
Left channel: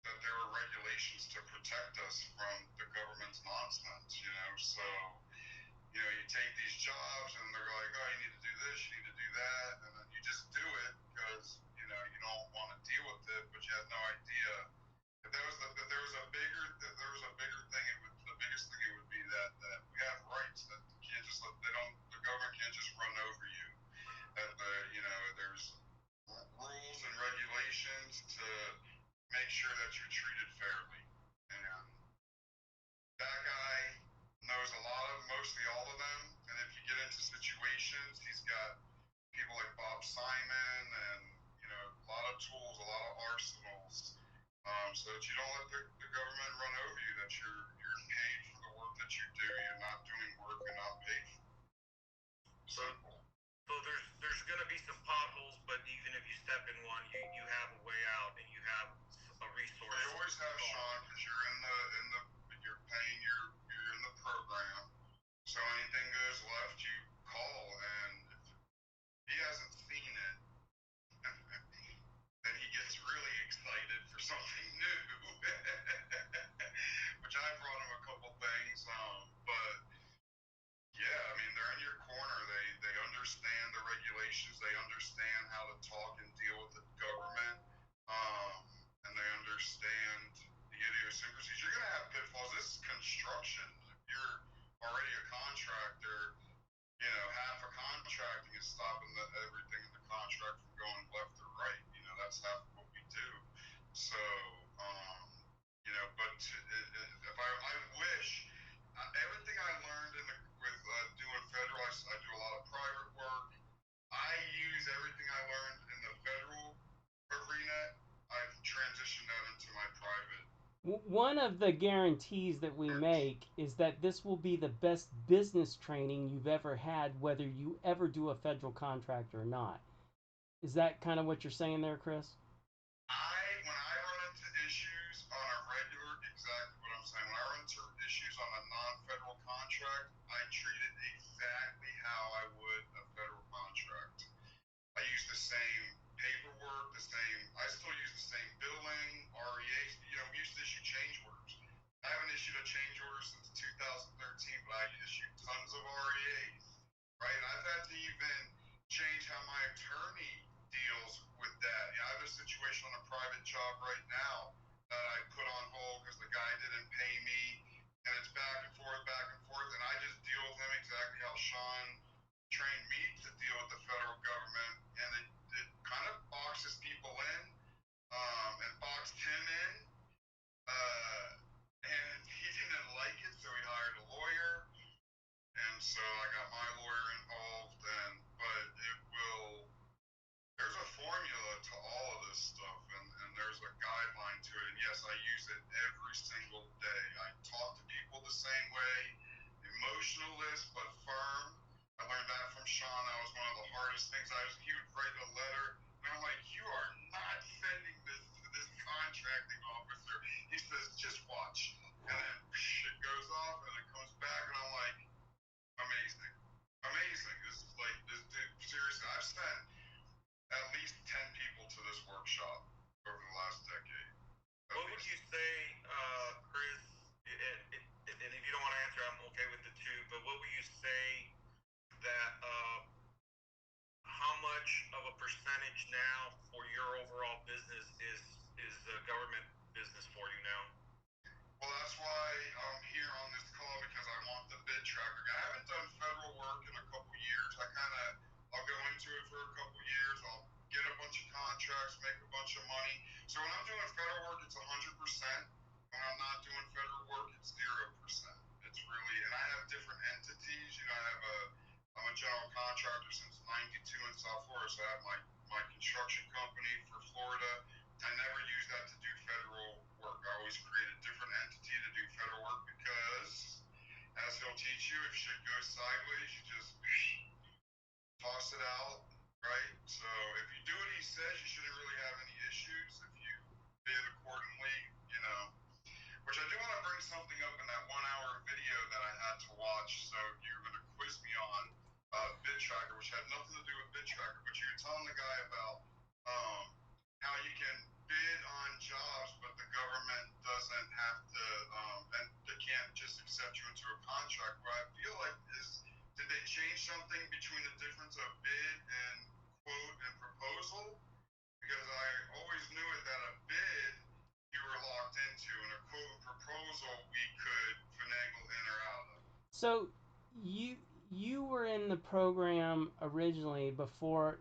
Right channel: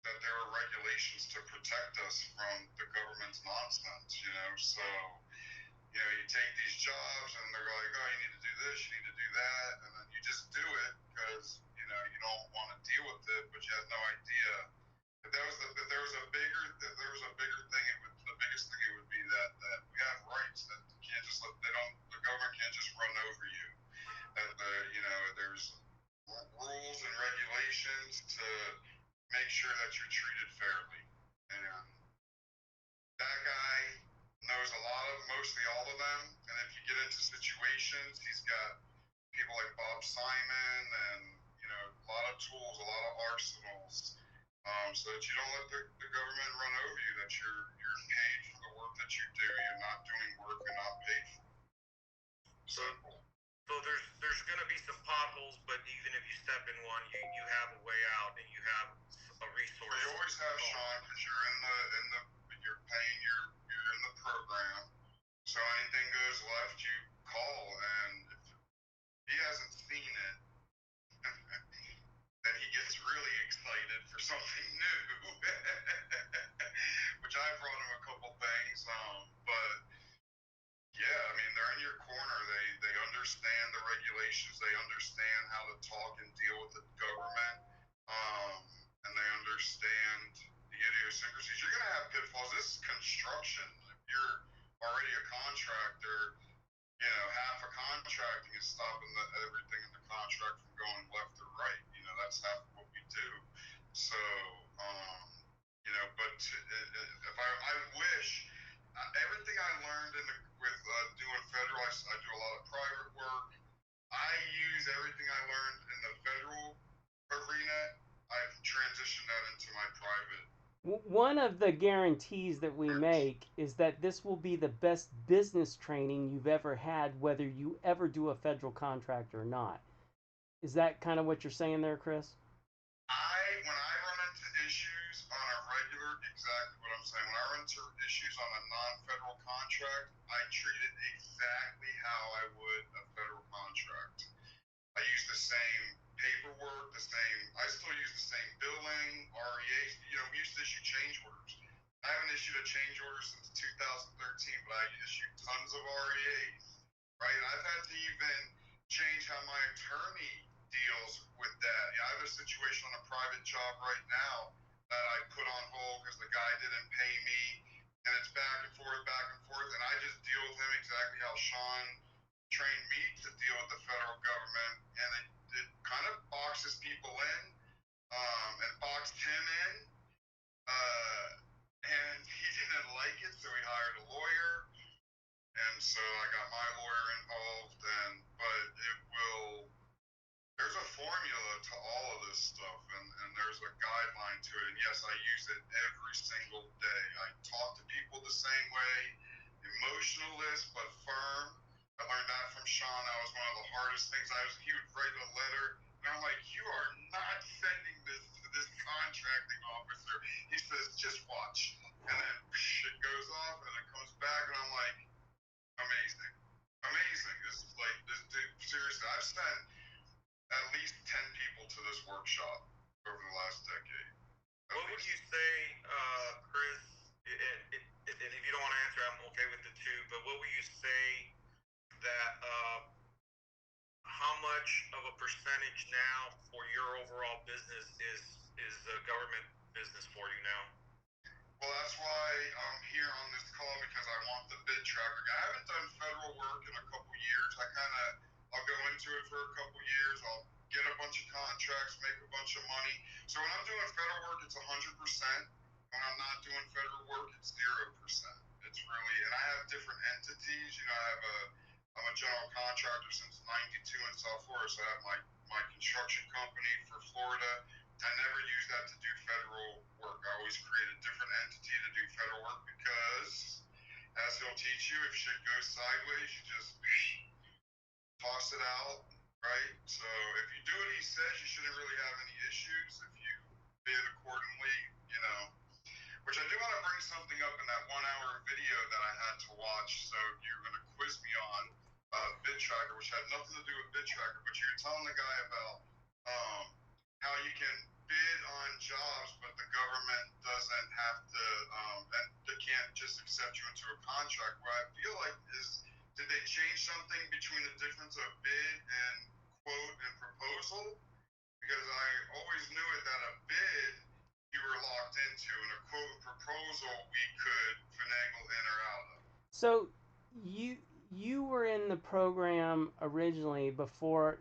that there were regulations to protect us from the government's nonsense. So you take these jobs and they're like, oh, you need to do this, you need to do that, and then you just do it because you don't want to deal with it, but you had no idea if there was a bigger thing. The biggest thing it would be that we have rights that you can't just the government can't just run over you. That there's rules and regulations to make sure that you're treated fairly. And that guy knows mostly all of them. And if you get into situations, he's got people like Bob Simon and, a lot of tools, a lot of arsenals, so that you don't let the government run over you, that you're paid for the work that you do. You're not doing work you're not paid for. Simple. So there's going to be some potholes, but even if you step in one, you have a way out and you have a resource. You always have Sean because you're in how to talk and deal with the government, um, and they understand the idiosyncrasies. You're going to have pitfalls. This is construction. If you're already a contractor, you know, half of contracting is stopping everything in the contract from going left or right. You know, that's half of what we do. So, but if I wish everything I learned with doing federal, I do a lot of private work. I use everything I learned in the federal arena. I've transitioned that into my private. One of the guarantees that we make is that this will be the best business training you've ever had, whether you ever do a federal contract or not. Is that kind of what you're saying there, Chris? When I run into issues on a regular, exactly what I'm saying. When I run into issues on a non-federal contract, I treat it exactly how I would a federal contract. I use the same paperwork, I still use the same billing, REAs. You know, we used to issue change orders. I haven't issued a change order since 2013, but I issued tons of REAs, right? I've had to even change how my attorney deals with that. Yeah, I have a situation on a private job right now that I put on hold because the guy didn't pay me, and it's back and forth, and I just deal with him exactly how Sean trained me to deal with the federal government, and it kind of boxes people in, and boxed him in, and he didn't like it, so he hired a lawyer, and so I got my lawyer involved, but there's a formula to all of this stuff, and there's a guideline to it, and yes, I use it every single day. I talk to people the same way, emotionalist but firm. I learned that from Sean. That was one of the hardest things. He would write a letter, and I'm like, you are not sending this to this contracting officer. He says, just watch. And then it goes off, and it comes back, and I'm like, amazing. Amazing. This is like, this dude, seriously, I've sent at least 10 people to this workshop over the last decade. What would you say, Chris, and if you don't want to answer, I'm okay with it too, but what would you say that how much of a percentage now for your overall business is government business for you now? Well, that's why I'm here on this call, because I want the bid tracker. I haven't done federal work in a couple years. I'll go into it for a couple years. I'll get a bunch of contracts, make a bunch of money. So when I'm doing federal work, it's 100%. When I'm not doing federal work, it's 0%. It's really, and I have different entities. You know, I'm a general contractor since '92 in South Florida, so I have my construction company for Florida. I never use that to do federal work. I always create a different entity to do federal work, because, as he'll teach you, if shit goes sideways, you just toss it out, right? So if you do what he says, you shouldn't really have any issues. If you bid accordingly, you know. Which I do want to bring something up in that 1 hour video that I had to watch. So you're going to quiz me on bid tracker, which had nothing to do with bid tracker, but you're telling the guy about how you can bid on jobs, but the government doesn't have to, and they can't just accept you into a contract. What I feel like is, did they change something between the difference of bid and quote and proposal? Because I always knew it that a bid you were locked into, and a quote and proposal we could finagle in or out of. So you were in the program originally before.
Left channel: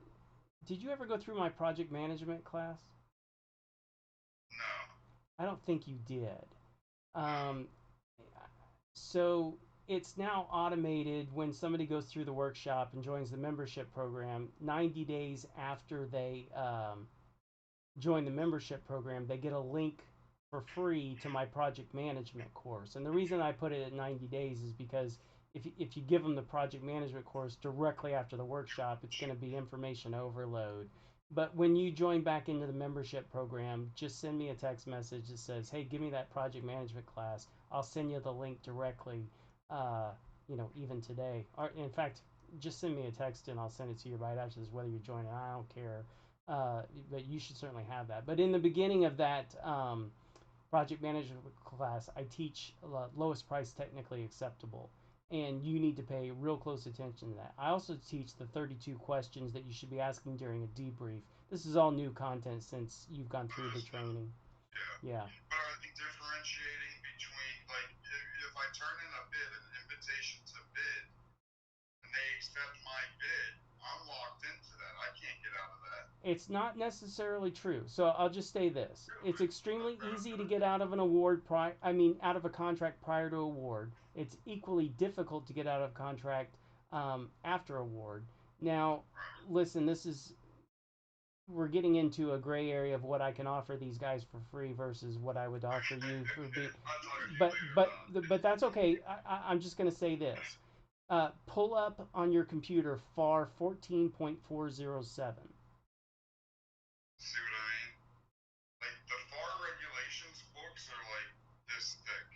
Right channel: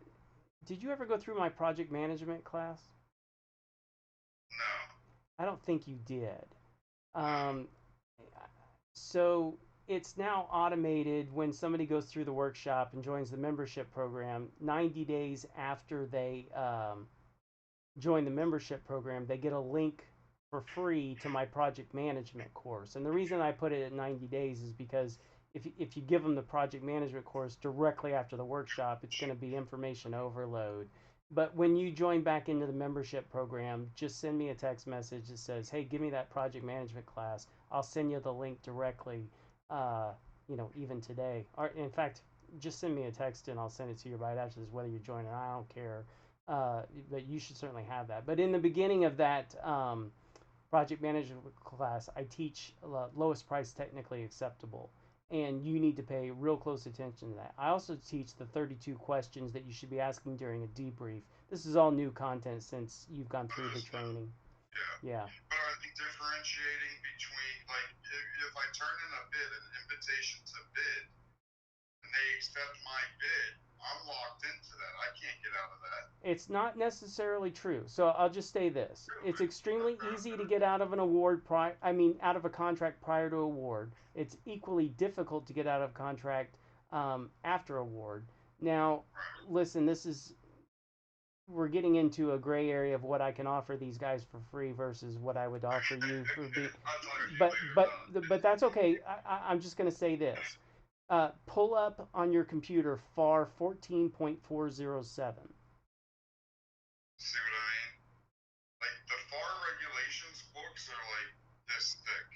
Did you ever go through my project management class? No. I don't think you did. Um, so it's now automated when somebody goes through the workshop and joins the membership program. 90 days after they join the membership program, they get a link for free to my project management course. And the reason I put it at 90 days is because if you give them the project management course directly after the workshop, it's going to be information overload. But when you join back into the membership program, just send me a text message that says, hey, give me that project management class. I'll send you the link directly, even today. Or, in fact, just send me a text and I'll send it to you right after this, whether you join or I don't care. But you should certainly have that. But in the beginning of that project management class, I teach lowest price technically acceptable. and you need to pay real close attention to that. I also teach the 32 questions that you should be asking during a debrief. This is all new content since you've gone through the training. Yeah. Yeah. But are they differentiating between, like, if I turn in a bid, an invitation to bid, and they accept my bid, I'm locked into that. I can't get out of that. It's not necessarily true. So I'll just say this: it's extremely easy to get out of an award. Out of a contract prior to award. It's equally difficult to get out of contract after award. Now, listen, we're getting into a gray area of what I can offer these guys for free versus what I would offer you for but that's okay. I'm just going to say this. Pull up on your computer FAR 14.407. See what I mean? Like, the FAR regulations books are like this thick.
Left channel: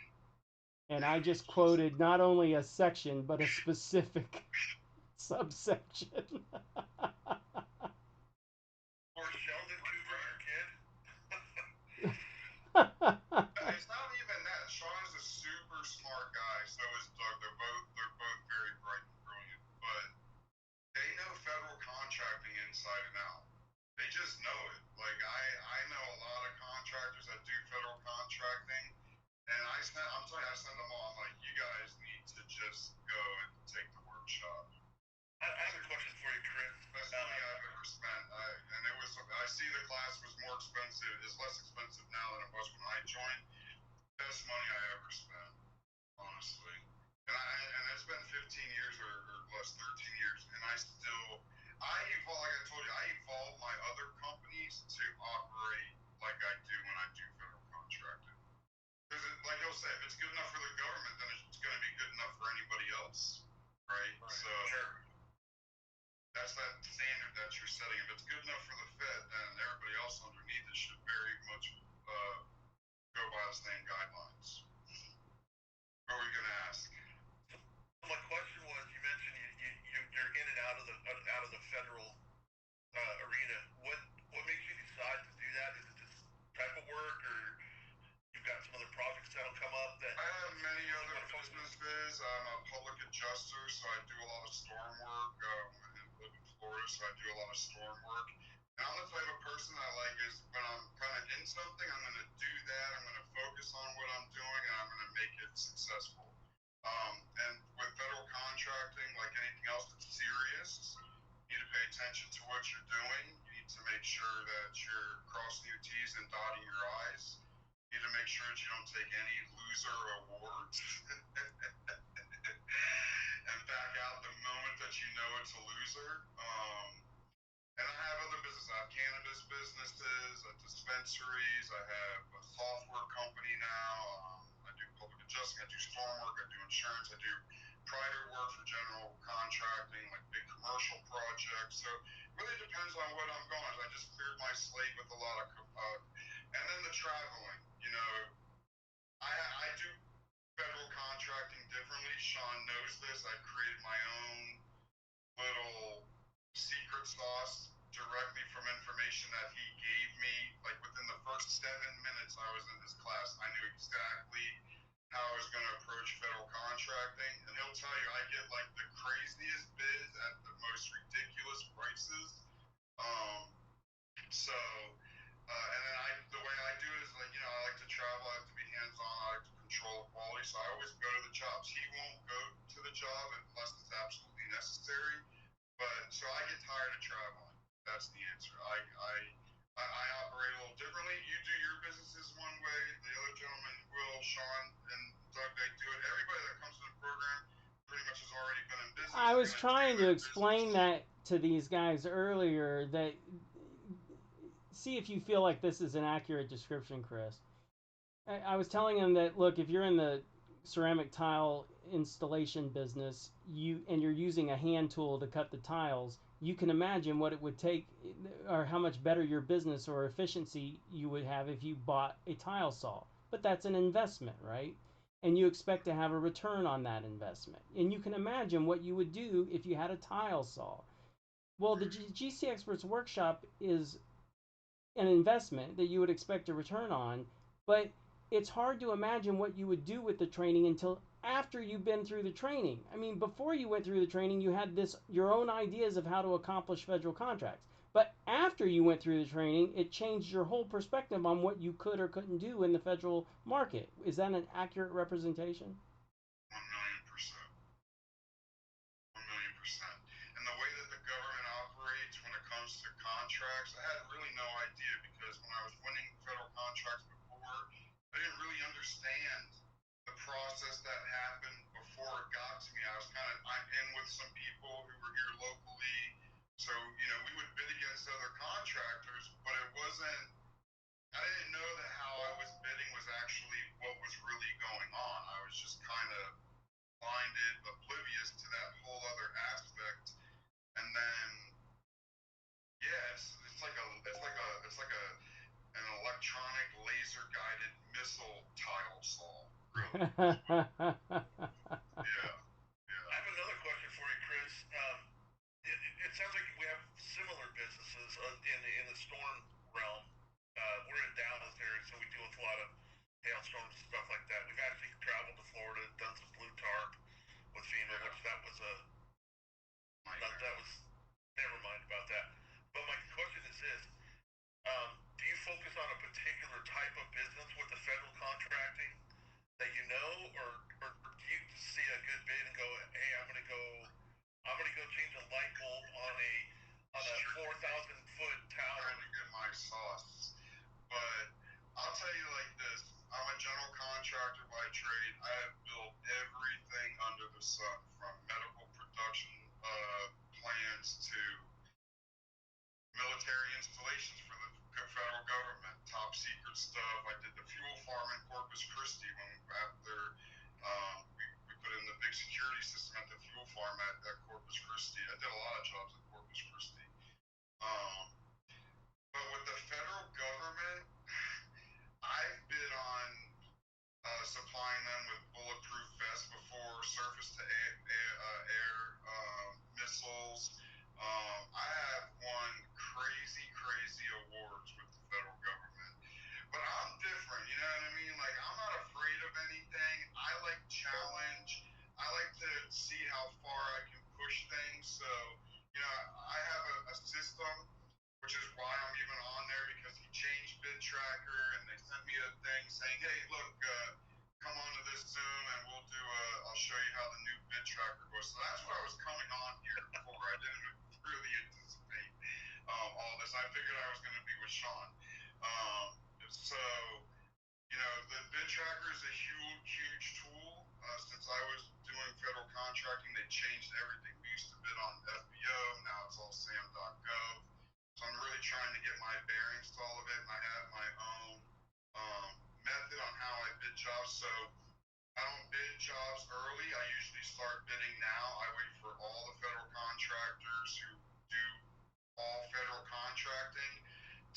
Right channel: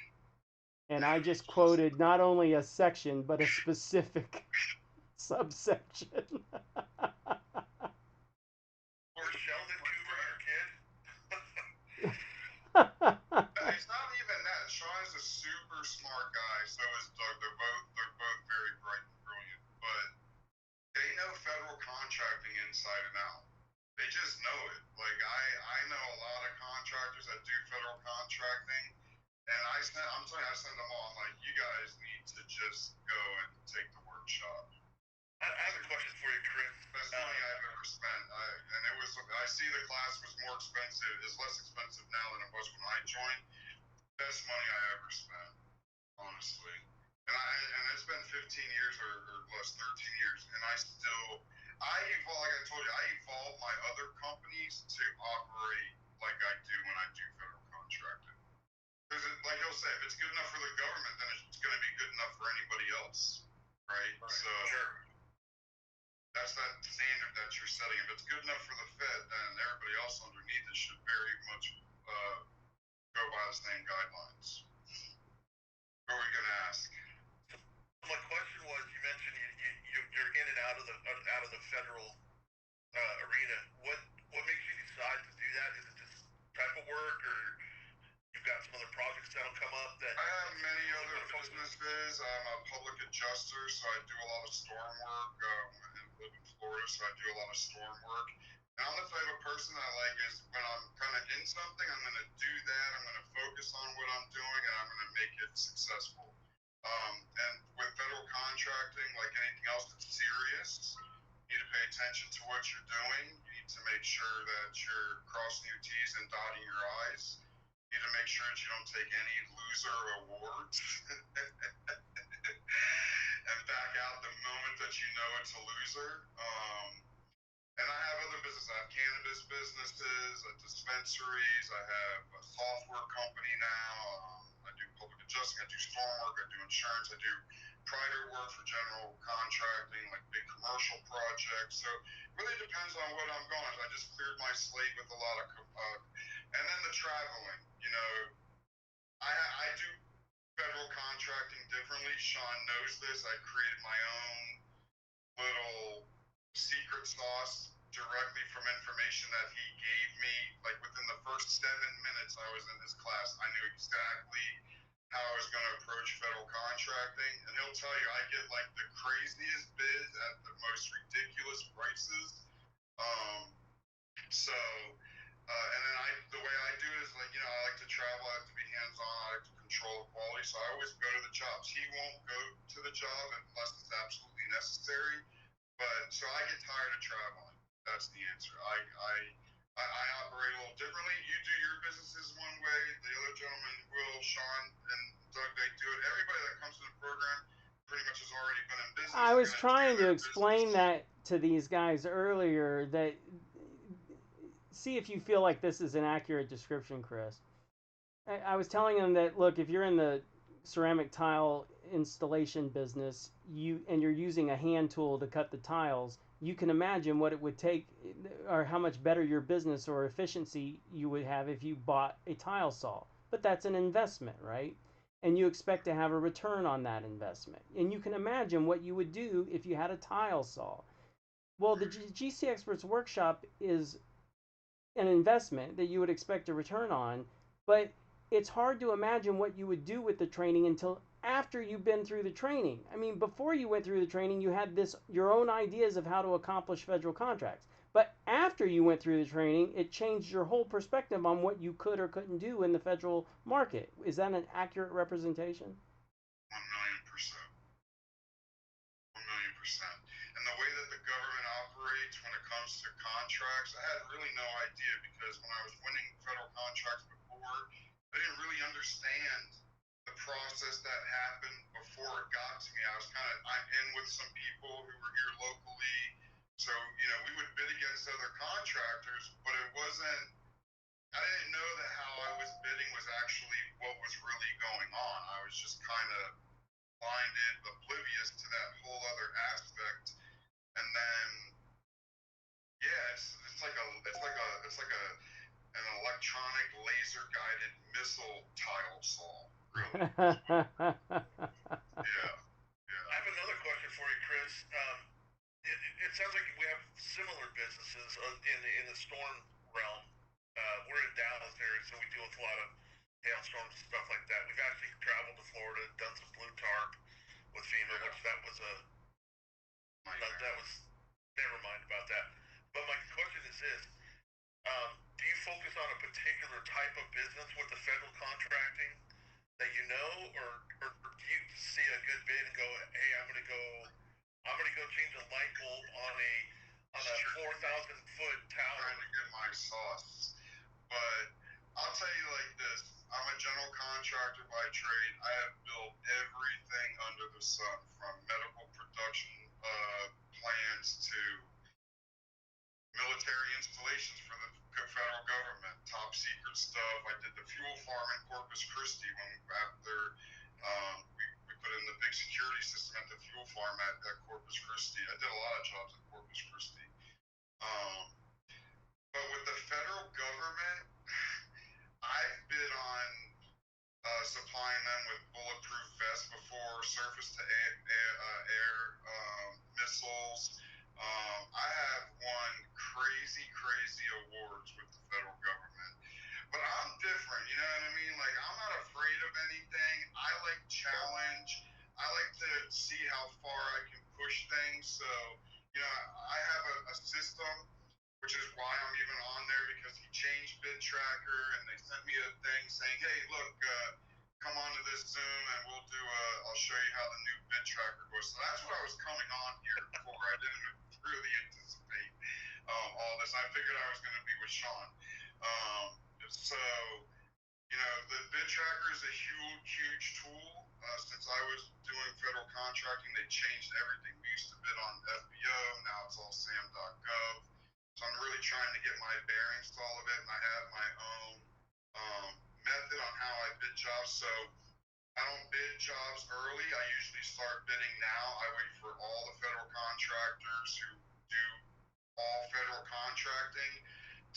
And I just quoted not only a section, but a specific subsection. Or Sheldon Cooper, your kid? It's not even that. Sean is a super smart guy. So is Doug. They're both very bright and brilliant. But they know federal contracting inside and out. They just know it. Like, I know a lot of contractors that do federal contracting, and I send them all. I'm like, you guys need to just go and take the workshop. I have a question for you, Chris. Best money I've ever spent. I see the class was more expensive. It's less expensive now than it was when I joined. Best money I ever spent, honestly. And it's been 15 years or less, 13 years, and I evolve, like I told you, I evolve my other companies to operate like I do when I do federal contracting. Because, like he'll say, if it's good enough for the government, then it's going to be good enough for anybody else, right? So sure. That's that standard that you're setting. If it's good enough for the Fed, then everybody else underneath it should very much go by the same guidelines. What were you going to ask? My question was, you mentioned you're in and out of the federal arena. What makes you decide to do that? Is it just type of work, or you've got some other projects that'll come up that? I have many other businesses. I'm a public adjuster, so I do a lot of storm work. I live in Florida, so I do a lot of storm work. And I'm the type of person that I like is when I'm kind of in something, I'm going to do that. I'm going to focus on what I'm doing, and I'm going to make it successful. And with federal contracting, like anything else that's serious, you need to pay attention to what you're doing. You need to make sure that you're crossing your T's and dotting your I's. You need to make sure that you don't take any loser awards and back out the moment that you know it's a loser. And I have other businesses. I have cannabis businesses, dispensaries. I have a software company now. I do public adjusting. I do storm work. I do insurance. I do private work for general contracting, like big commercial projects. So it really depends on what I'm going. I just cleared my slate with a lot of, and then the traveling. You know, I do federal contracting differently. Sean knows this. I created my own little secret sauce directly from information that he gave me. Like within the first 7 minutes I was in his class, I knew exactly how I was going to approach federal contracting. And he'll tell you, I get like the craziest bids at the most ridiculous prices. And then the way I do it is like, I like to travel, I like to be hands-on, I like to control the quality. So I always go to the jobs. He won't go to the job unless it's absolutely necessary. But so I get tired of traveling. That's the answer. I operate a little differently. You do your businesses one way. The other gentleman, Will, Sean, and Doug, they do it. Everybody that comes to the program pretty much has already been in business. I was trying to explain that to these guys earlier. That see if you feel like this is an accurate description, Chris. I was telling them that look, if you're in the ceramic tile installation business, you're using a hand tool to cut the tiles, you can imagine what it would take or how much better your business or efficiency you would have if you bought a tile saw. But that's an investment, right? And you expect to have a return on that investment. And you can imagine what you would do if you had a tile saw. Well, the GCExperts workshop is an investment that you would expect a return on, but it's hard to imagine what you would do with the training until after you've been through the training. I mean, before you went through the training, you had your own ideas of how to accomplish federal contracts. But after you went through the training, it changed your whole perspective on what you could or couldn't do in the federal market. Is that an accurate representation? 1,000,000%. 1,000,000%. And the way that the government operates when it comes to contracts, I had really no idea because when I was winning federal contracts before, I didn't really understand the process that happened before it got to me. I'm in with some people who were here locally. So, we would bid against other contractors, but I didn't know that how I was bidding was actually what was really going on. I was just kind of blinded, oblivious to that whole other aspect. And then, yeah, it's like an electronic laser guided missile tile saw, really. Yeah, I have another question for you, Chris. It sounds like we have similar businesses in the storm realm. We're in Dallas area, so we deal with a lot of hailstorms and stuff like that. We've actually traveled to Florida, done some blue tarp with FEMA, which that was never mind about that. But my question is this: do you focus on a particular type of business with the federal contracting that or do you see a good bid and go, hey, I'm gonna go change a light bulb on a 4,000-foot tower? Trying to get my sauce, but I'll tell you like this: I'm a general contractor by trade. I have built everything under the sun, from medical production plans to military installations for the federal government, top secret stuff. I did the fuel farm in Corpus Christi after we put in the big security system at the fuel farm at Corpus Christi. I did a lot of jobs at Corpus Christi. But with the federal government, I've bid on supplying them with bulletproof vests before, surface to air missiles. I have won crazy awards with the federal government. But I'm different, you know what I mean? Like, I'm not afraid of anything. I like challenge. I like to see how far I can push things. So, I have a system, which is why I'm even on there, because he changed Bid Tracker and they sent me a thing saying, hey, look, come on to this Zoom and I'll show you how the new Bid Tracker goes. So that's what I was coming on here for. I didn't really anticipate all this. I figured I was going to be with Sean. So, the Bid Tracker is a huge tool. Since I was doing federal contracting, they changed everything. We used to bid on FBO, now it's all SAM.gov. So I'm really trying to get my bearings to all of it, and I have my own method on how I bid jobs. So I don't bid jobs early. I usually start bidding now. I wait for all the federal contractors who do all federal contracting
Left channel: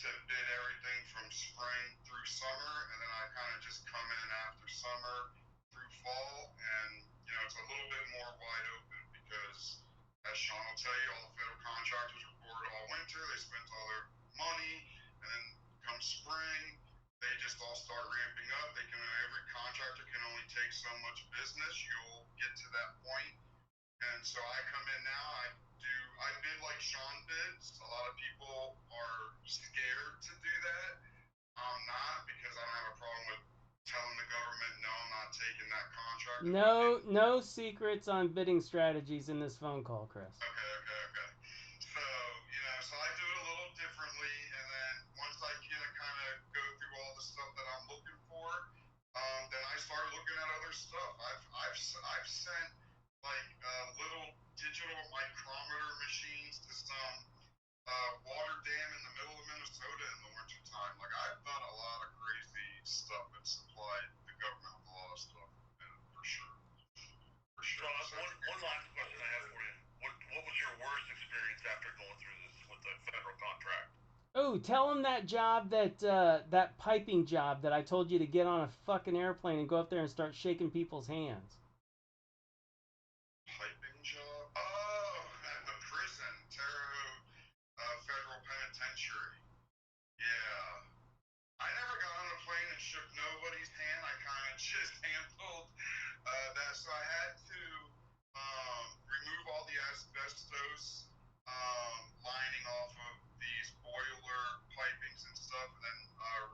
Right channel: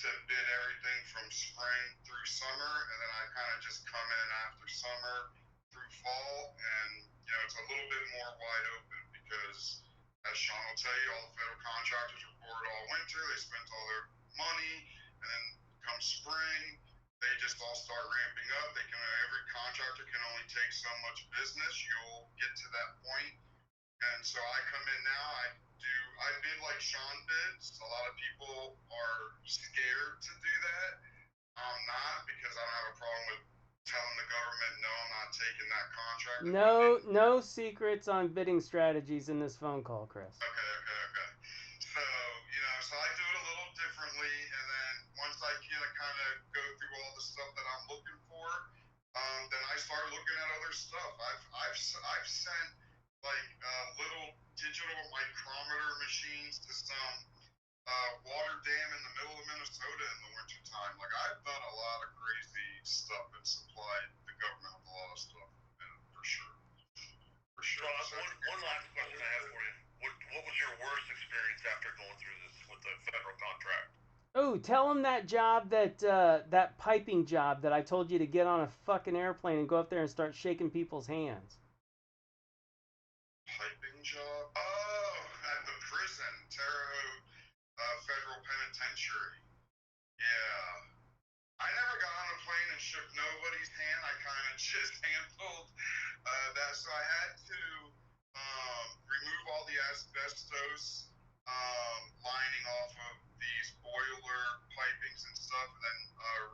to bid everything from spring through summer, and then I kind of just come in after summer through fall, and it's a little bit more wide open because, as Sean will tell you, all the federal contractors were bored all winter. They spent all their money, and then come spring, they just all start ramping up. Every contractor can only take so much business. You'll get to that point, and so I come in now. I bid like Sean bids. A lot of people are scared to do that. I'm not, because I don't have a problem with telling the government, no, I'm not taking that contract. No secrets on bidding strategies in this phone call, Chris. Okay. So I do it a little differently, and then once I kind of go through all the stuff that I'm looking for, then I start looking at other stuff. I've sent like little digital micrometer machines to some water dam in the middle of Minnesota in the wintertime. Like, I've done a lot of crazy stuff and supplied the government with a lot of stuff, for sure. So one last question I have for you. What was your worst experience after going through this with the federal contract? Oh, tell him that job, that piping job that I told you to get on a fucking airplane and go up there and start shaking people's hands. Piping job? Oh, at the prison, Terre Haute Federal Penitentiary. Yeah. I never got on a plane and shook nobody's hand. I kind of just handled that asbestos lining off of these boiler pipings and stuff, and then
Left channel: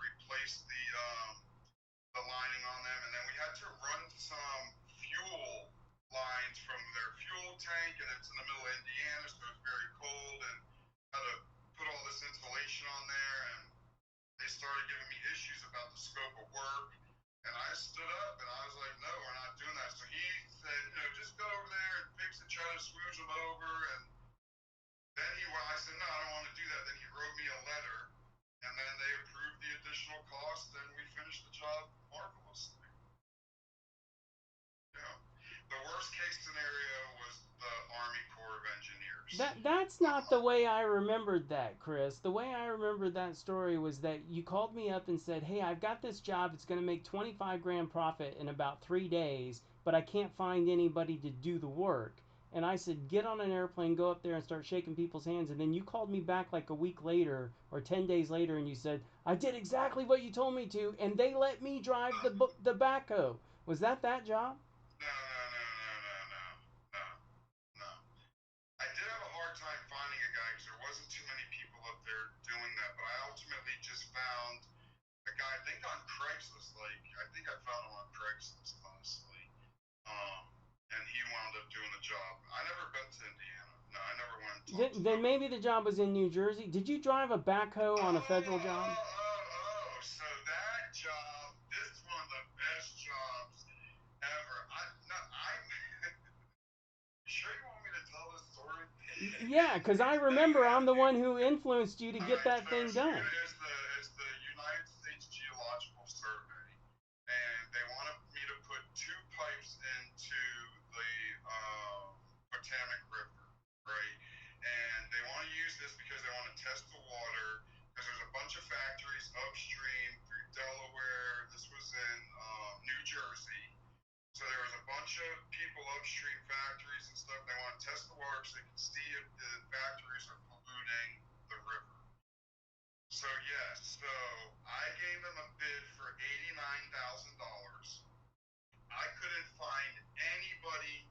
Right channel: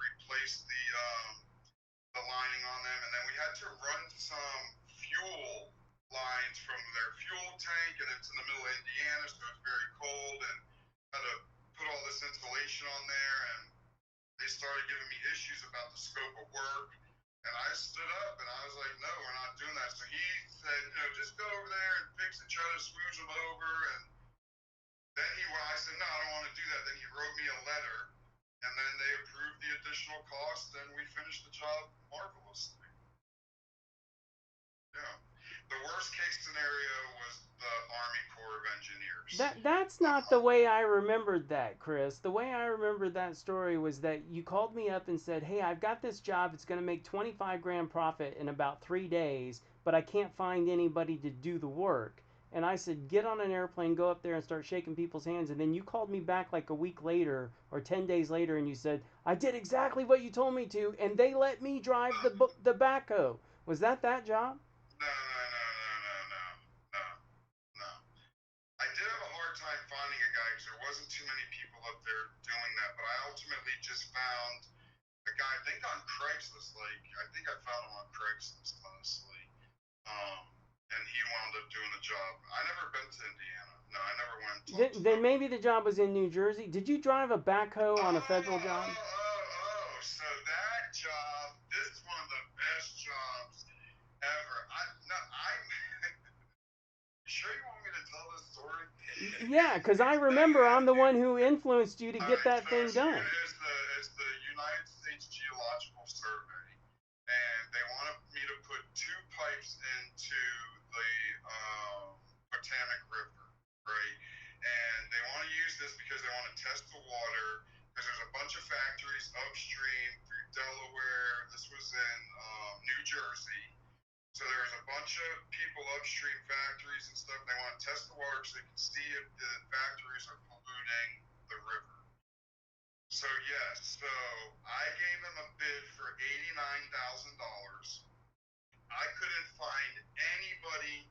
replace the lining on them, and then we had to run some fuel lines from their fuel tank, and it's in the middle of Indiana, so it's very cold, and had to put all this insulation on there, and they started giving me issues about the scope of work, and I stood up and I was like, no, we're not doing that. So he said, just go over there and fix it, try to smooth them over, and then I said, no, I don't want to do that. Then he wrote me a letter, and then they approved the additional cost, and we finished the job marvelously. Yeah. The worst case scenario was the Army Corps of Engineers. That's not the way I remembered that, Chris. The way I remembered that story was that you called me up and said, "Hey, I've got this job. It's going to make 25 grand profit in about 3 days, but I can't find anybody to do the work." And I said, "Get on an airplane, go up there and start shaking people's hands." And then you called me back like a week later or 10 days later and you said, "I did exactly what you told me to, and they let me drive the backhoe." Was that job? No, no, no, no, no, no, no, no. I did have a hard time finding a guy because there wasn't too many people up there doing that, but I ultimately just found a guy, I think on Craigslist, I think I found him on Craigslist, honestly. And he wound up doing the job. I never been to Indiana. No, I never went and talked to Then them. maybe the job was in New Jersey. Did you drive a backhoe on a federal job? So that job, this is one of the best jobs ever. You sure you want me to tell this story? Yeah, because I remember I'm the one who influenced you to get that thing done. It's the United States Geological Survey, and they wanted me to put 2 pipes into the Potomac River, right? And they want to use this because they want to test the water, because there's a bunch of factories upstream through Delaware. This was in New Jersey. So there's a bunch of people upstream, factories and stuff, and they want to test the water so they can see if the factories are polluting the river. So yes, so I gave them a bid for $89,000. I couldn't find anybody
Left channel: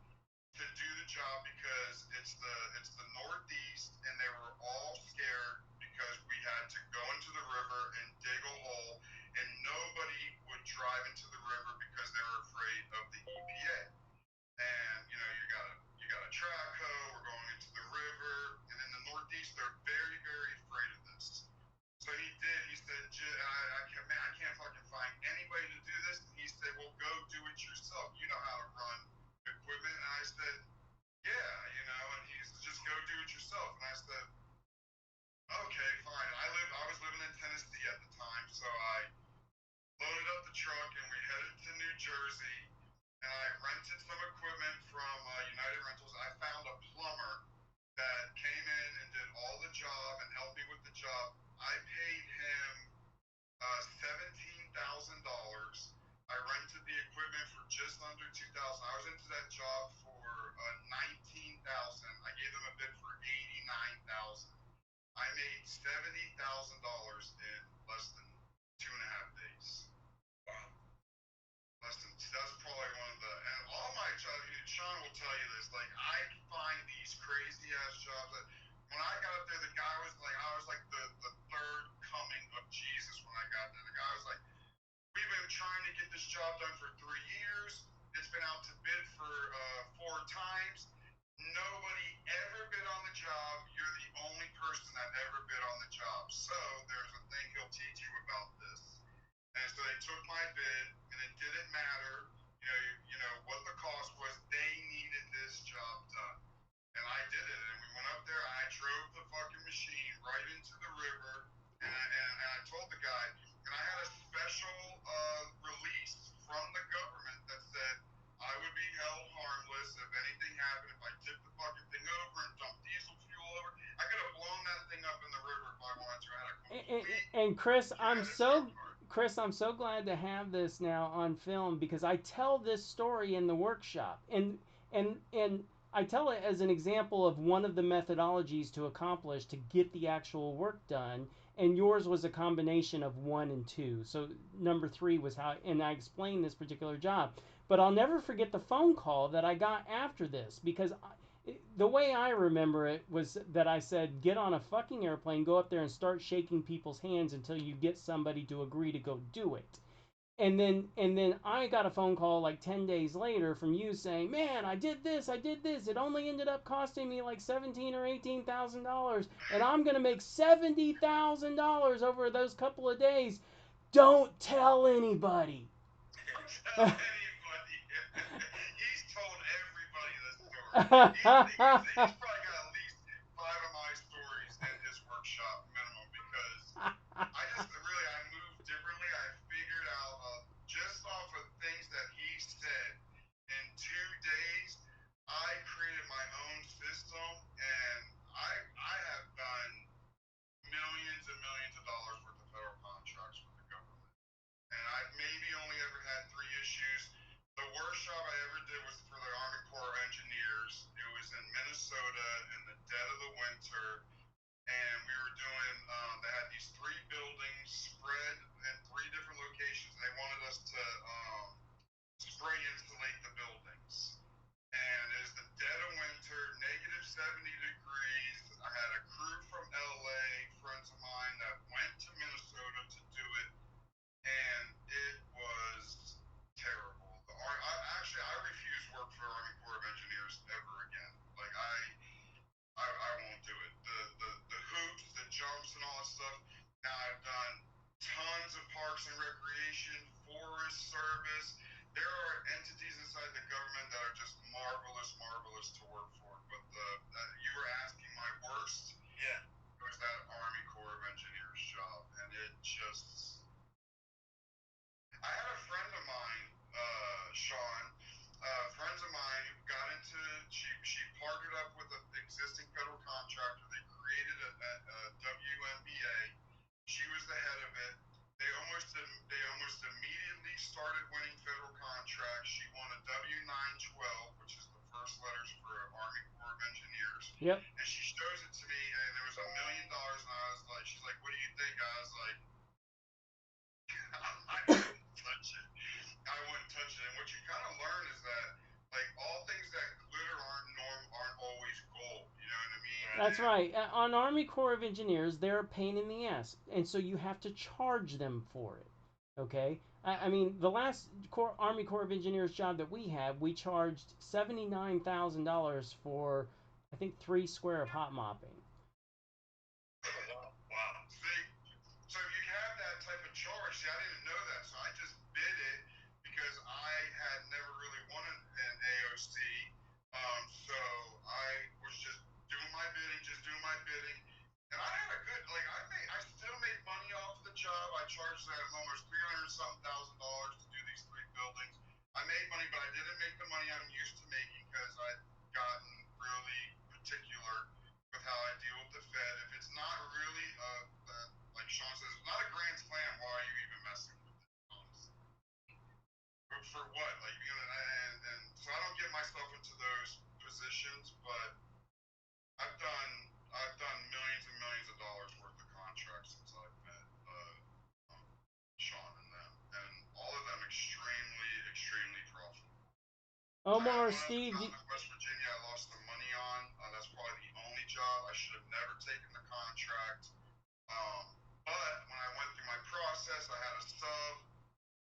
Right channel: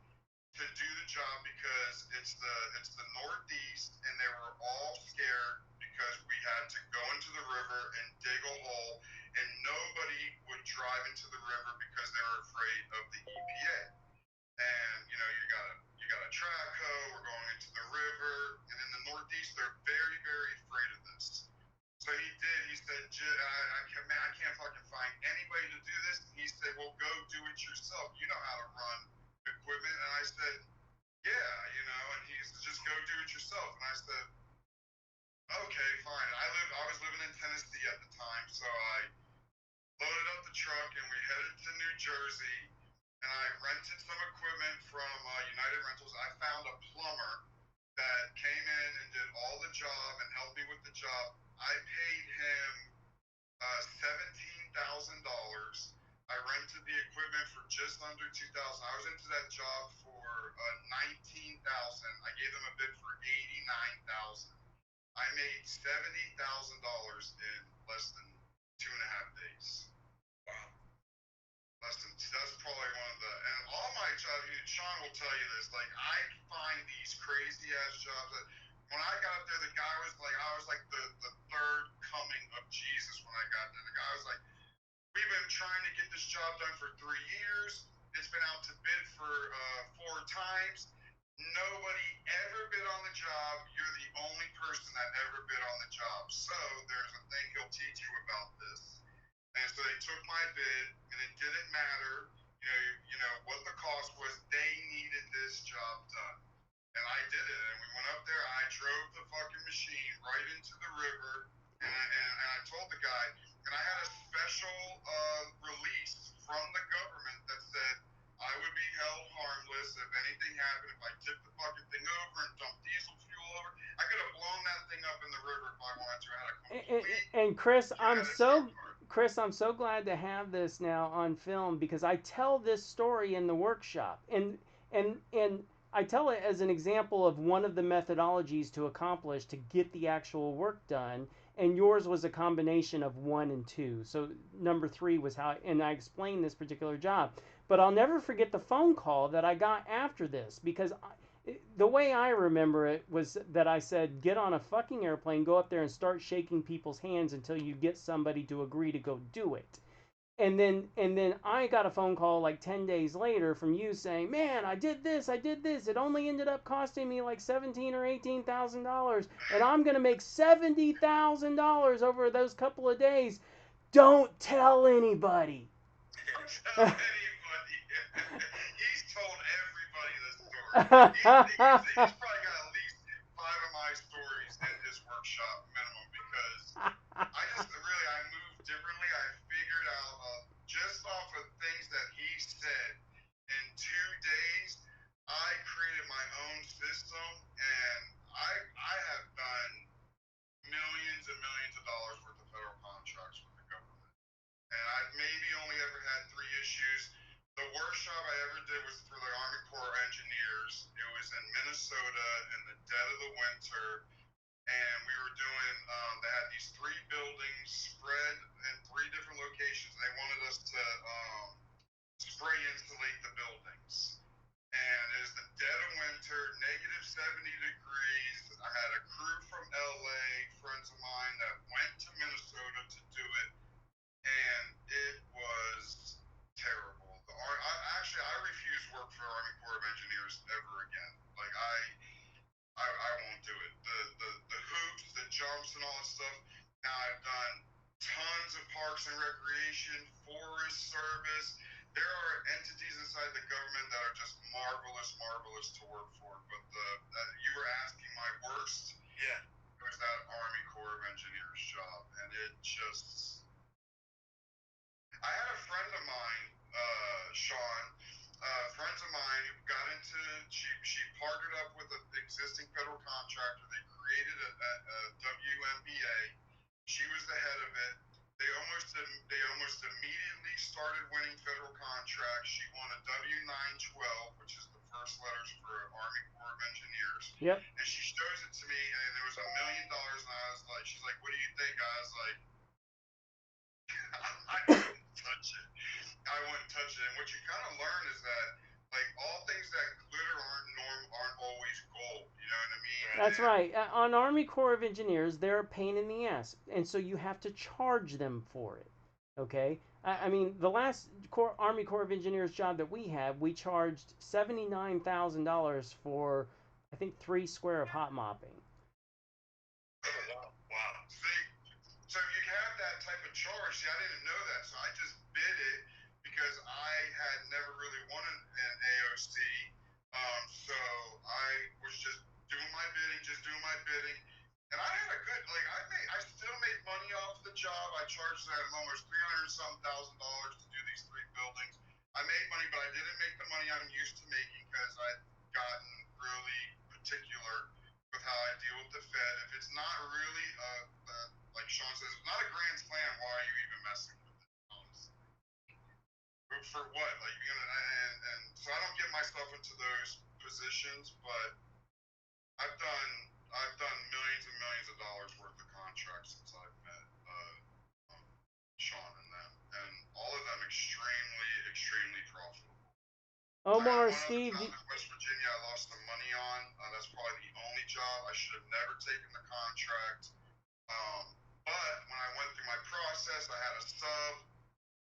to do the job because it's the Northeast, and they were all scared because we had to go into the river and dig a hole, and nobody would drive into the river because they were afraid of the EPA. And you got a track hoe, we're going into the river, and in the Northeast they're very, very afraid of this. So he did. He said, I can't fucking find anybody to do this. And he said, well, go do it yourself. You know how to run equipment. And I said, yeah, and he said, just go do it yourself. And I said, okay, fine. I was living in Tennessee at the time, so I loaded up the truck and we headed to New Jersey, and I rented some equipment from United Rentals. I found a plumber that came in and did all the job and helped me with the job. I paid him $17,000. I rented the equipment for just under $2,000. I was into that job for $19,000. I gave them a bid for $89,000. I made $70,000 in less than 2.5 days. Wow. That's probably one of the, and all my jobs, Sean will tell you this, I find these crazy ass jobs that when I got there, the guy was like, I was like the third coming of Jesus when I got there. The guy was like, we've been trying to get this job done for 3 years. It's been out to bid for 4 times. Nobody ever bid on the job. You're the only person that ever bid on the job. So there's a thing he'll teach you about this. And so they took my bid, and it didn't matter, what the cost was. They needed this job done, and I did it. And we went up there. I drove the fucking machine right into the river, and I told the guy, and I had a special release from the government that said I would be held harmless if anything happened. If I tipped the fucking thing over and dumped diesel fuel over, I could have blown that thing up in the river if I wanted to. I had a complete And Chris, humanitarian part. Chris, I'm so glad to have this now on film because I tell this story in the workshop, and I tell it as an example of one of the methodologies to accomplish to get the actual work done. And yours was a combination of 1 and 2. So number 3 was how, and I explained this particular job. But I'll never forget the phone call that I got after this because The way I remember it was that I said, get on a fucking airplane, go up there and start shaking people's hands until you get somebody to agree to go do it. And then I got a phone call like 10 days later from you saying, "Man, I did this. It only ended up costing me like 17 or $18,000 and I'm going to make $70,000 over those couple of days. Don't tell anybody." Tell anybody. He's told everybody the story. He's probably got at least 5 of my stories in his workshop minimum because I moved differently. I figured out just off of things that he said in 2 days, I created my own system and I have done millions and millions of dollars worth of federal contracts with the government. And I've maybe only ever had 3 issues. The worst job I ever did was for the Army Corps of Engineers. It was in Minnesota in the dead of the winter, and we were doing. They had these 3 buildings spread in 3 different locations, and they wanted us to spray insulate the buildings. And it was the dead of winter, negative 70 degrees. I had a crew from LA, friends of mine that went to Minnesota to do it, and it was terrible. I refuse work for the Army Corps of Engineers ever again. Like I won't do it. The hoops, the jumps, and all that stuff. Now I've done tons of parks and recreation, forest service. There are entities inside the government that are just marvelous to work for. But you were asking my worst. Yeah. It was that Army Corps of Engineers job, and it just. I had a friend of mine, Sean, friends of mine who got into, she partnered up with an existing federal contractor. They created a WMBA. She was the head of it. They almost immediately started winning federal contracts. She won a W-912, which is the first letters for Army Corps of Engineers. Yep. And she shows it to me, and it was $1 million. And I was like, she's like, "What do you think?" I was like, I wouldn't touch it. And what you kind of learn is that, like, all things that glitter aren't always gold. You know what I mean? That's right. On Army Corps of Engineers, they're a pain in the ass, and so you have to charge them for it. Okay. I mean, the last Army Corps of Engineers job that we had, we charged $79,000 for, I think, 3 square of hot mopping. Wow. See, so you have that type of charge. See, I didn't know that, so I just bid it because I had never really won an AOC. So I was just doing my bidding, and I had a good, like, I still made money off the job. I charged that almost $300,000 to do these 3 buildings. I made money, but I didn't make the money I'm used to making because I'd gotten really particular with how I deal with the Fed. If it's not really, like Sean says, it's not a grand slam, why are you even messing with it? Honestly. But for what? Like, you know, and so I don't get myself into those positions, but I've done millions and millions of dollars worth of contracts since I've met Sean and them, and all of them extremely profitable. Omar, I had one Steve, other job in West Virginia I lost some money on. That's probably the only job. I should have never taken the contract. But when I went through my process, I had a sub.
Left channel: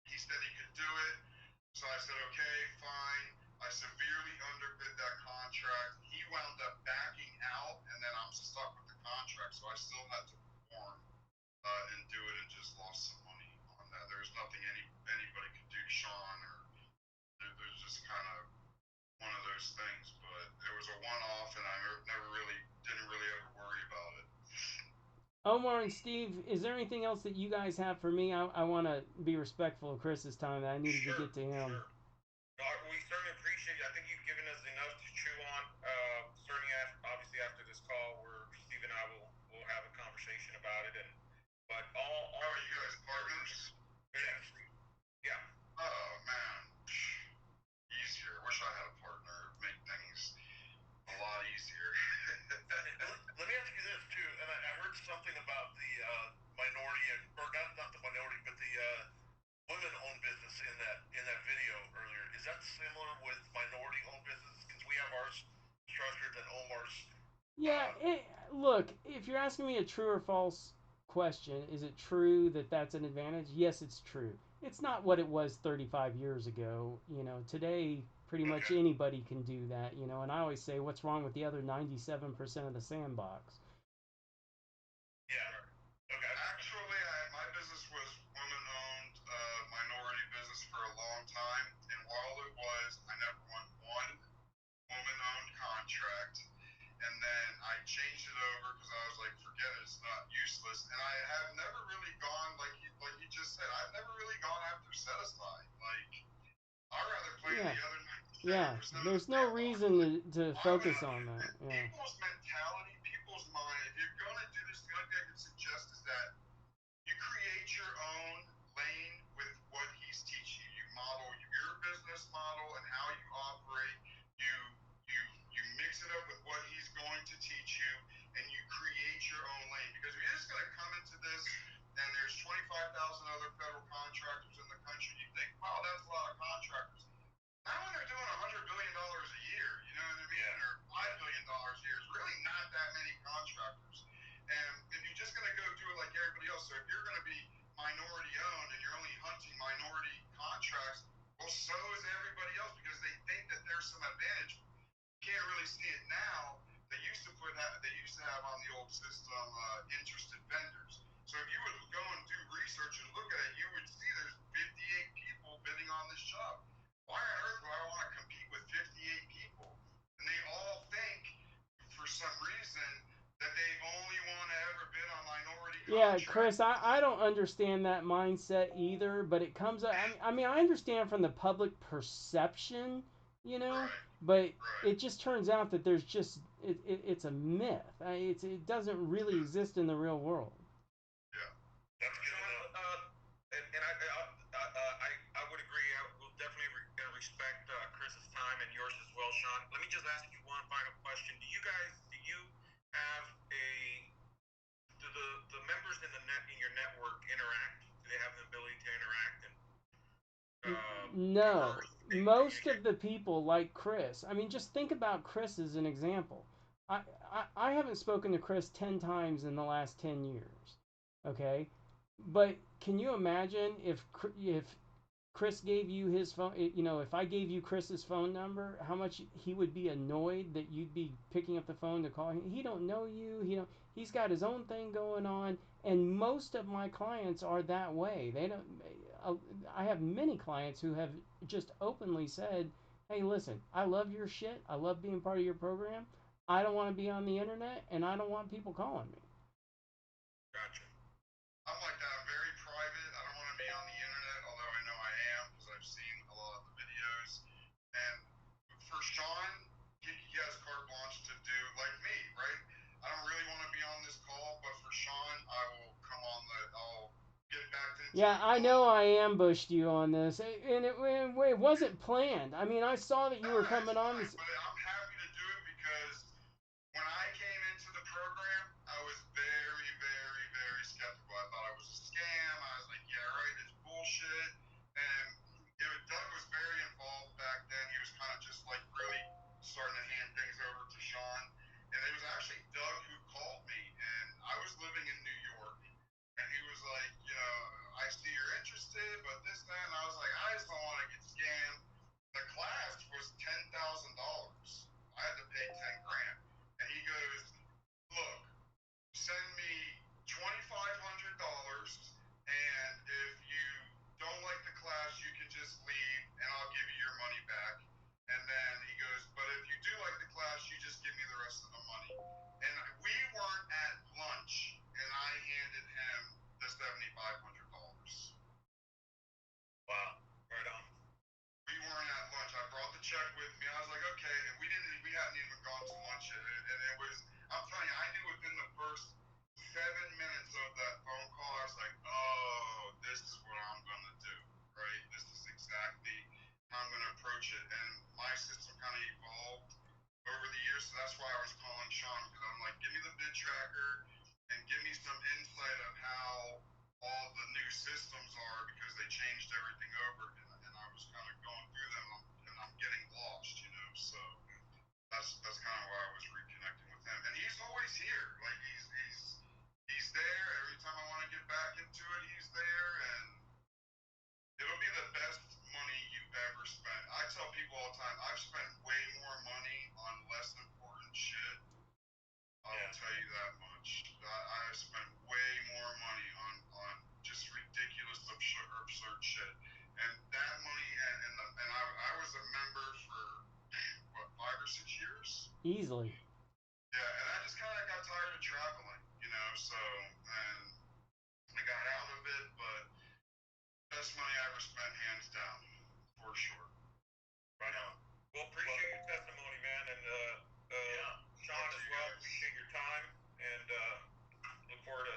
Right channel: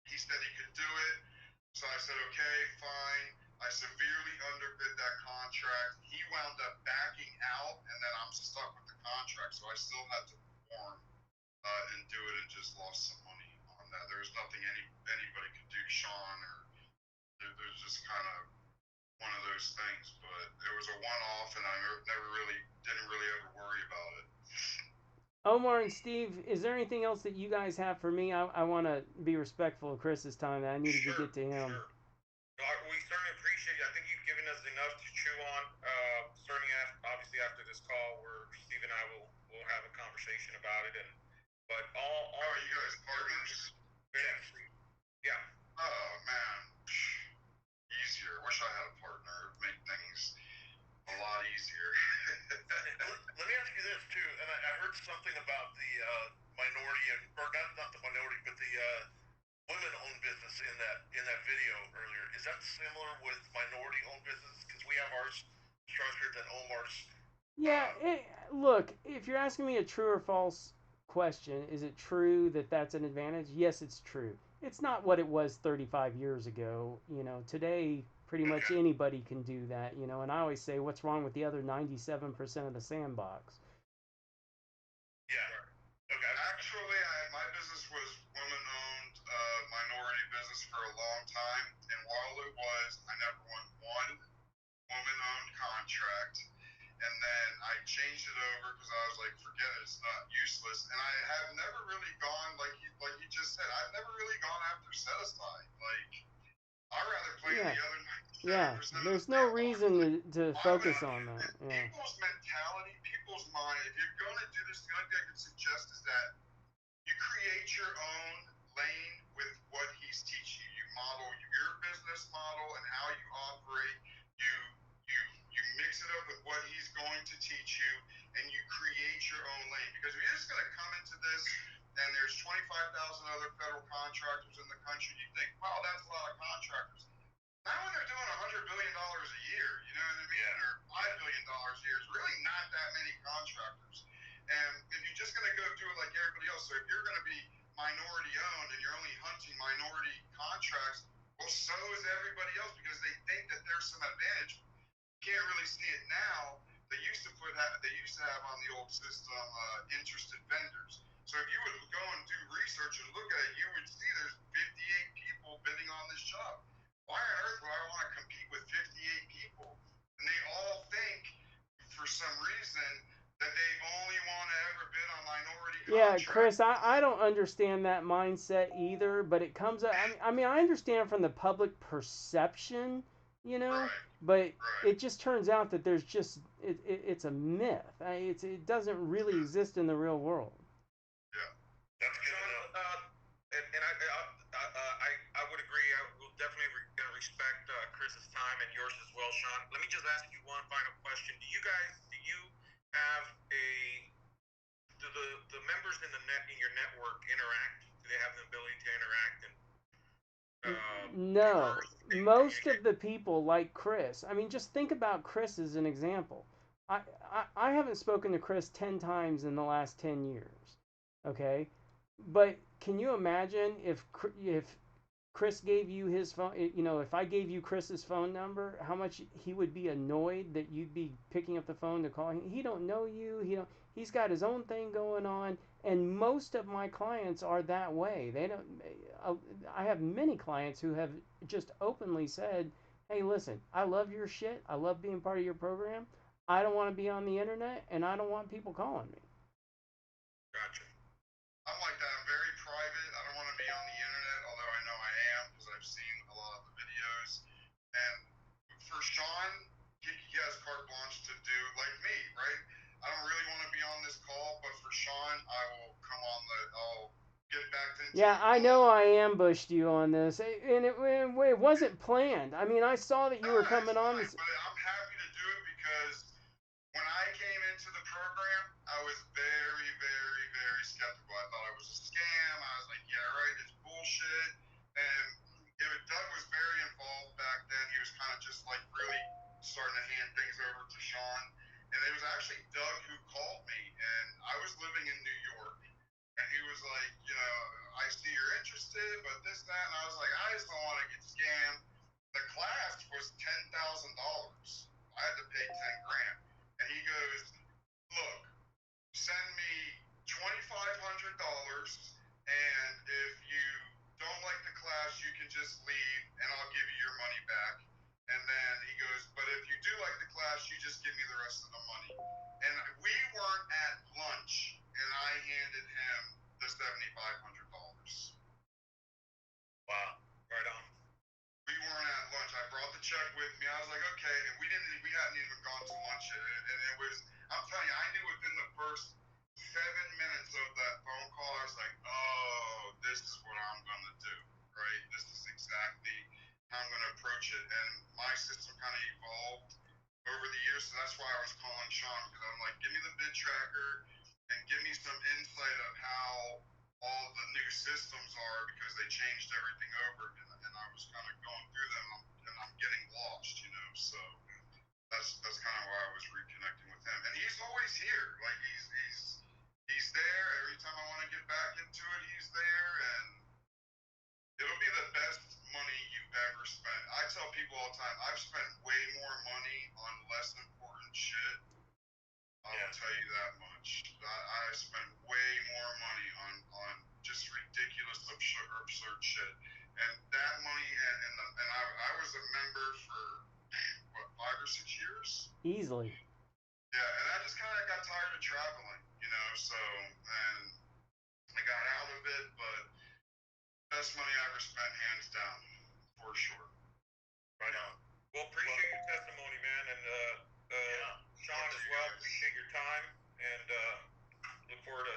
He said he could do it. So I said, okay, fine. I severely underbid that contract. He wound up backing out, and then I'm stuck with the contract. So I still had to perform and do it, and just lost some money on that. There's nothing anybody could do, Sean, or there's just kind of one of those things. But it was a one-off, and I didn't really ever worry about it. Omar and Steve, is there anything else that you guys have for me? I want to be respectful of Chris's time. I needed to get to him. Sure. No, we certainly appreciate it. I think you've given us enough to chew on. Certainly, obviously after this call, where Steve and I will have a conversation about it. But all are you guys partners? Yeah. Oh man, easier. Wish I had a partner. It'd make things a lot easier. Let me ask you this too, and I heard something about the minority, or not the minority, but the women-owned business in that video earlier. Is that similar with minority-owned business? Because we have ours structured Yeah, look, if you're asking me a true or false question, is it true that that's an advantage? Yes, it's true. It's not what it was 35 years ago. Today pretty much Okay. anybody can do that, and I always say what's wrong with the other 97% of the sandbox? Yeah. Okay. Actually, my business was women-owned, minority business for a long time, and while it was, I never won one woman-owned contract. And then I changed it over because I was like, forget it, it's not useless. And I have never really gone like you just said. I've never really gone after set-aside. Like I'd rather play in Yeah. the other Yeah. 97% of the There's no sandbox. reason Like to I would, focus on that. Yeah. people's mentality, people's mind. If you're going to do this, the only thing I could suggest is that you create your own lane with what he's teaching you. You model your business model and how you operate. You you you mix it up with what he's going to teach you, and you create your own lane. Because if you're just going to come into this and there's 25,000 other federal contractors in the country, you think, wow, that's a lot of contractors. Not when they're doing $100 billion a year, you know what I mean, Yeah. or $5 billion a year. It's really not that many contractors. And if you're just going to go do it like everybody else, so if you're going to be minority owned and you're only hunting minority contracts, well, so is everybody else because they think that there's some advantage. You can't really see it now. They used to have on the old system interested vendors. So if you would go and do research and look at it, you would see there's 58 people bidding on this job. Why on earth would I want to compete with 58 people? And they all think, for some reason, that they only want to ever bid on minority Yeah, contracts. Chris, I don't understand that mindset either, but it comes up. I mean, I understand from the public perception, you know, Right, but right. it just turns out that there's just it's a myth. It doesn't really exist in the real world. Yeah. That's good to know. And I would agree. I will definitely respect Chris's time and yours as well, Sean. Let me just ask you one final question. Do you have do the members in your network interact? Do they have the ability to interact and No, converse, most of communicate? the people like Chris. I mean, just think about Chris as an example. I haven't spoken to Chris 10 times in the last 10 years. Okay? But can you imagine if Chris gave you his phone, if I gave you Chris's phone number, how much he would be annoyed that you'd be picking up the phone to call him. He don't know you. He's got his own thing going on, and most of my clients are that way. They don't. I have many clients who have just openly said, "Hey, listen, I love your shit. I love being part of your program. I don't want to be on the internet, and I don't want people calling me." Gotcha. I'm like that. I'm very private. I don't want to be on the internet, although I know I am because I've seen a lot of the videos. And for Sean, he has carte blanche to do like me, right? I don't really want to be on this call, but for Sean, I will come on I'll get back into Yeah, the I call. know I ambushed you on this, and it wasn't planned. I mean, I saw that No, you were it's coming on fine, this. but I'm happy to do it because when I came into the program, I was very, very, very skeptical. I thought it was a scam. I was like, yeah, right, it's bullshit. And Doug was very involved back then. He was kind of just like really starting to hand things over to Sean. And it was actually Doug who called me, and I was living in New York. And he was like, I see you're interested, but this, that. And I was like, I just don't want to get scammed. The class was $10,000. I had to pay 10 grand. And he goes, look, send me $2,500, and if you don't like the class, you can just leave, and I'll give you your money back. And then he goes, but if you do like the class, you just give me the rest of the money. And we weren't at lunch, and I handed him the $7,500. Wow. Right on. We weren't at lunch. I brought the check with me. I was like, okay, and we hadn't even gone to lunch yet. And it was, I'm telling you, I knew within the first 7 minutes of that phone call, I was Easily. Yeah, and I just kind of got tired of traveling, so, and I got out of it, but best money I ever spent, hands down, for sure. Right on. Well, appreciate your testimony, man, and Sean as well. Appreciate your time, and look forward to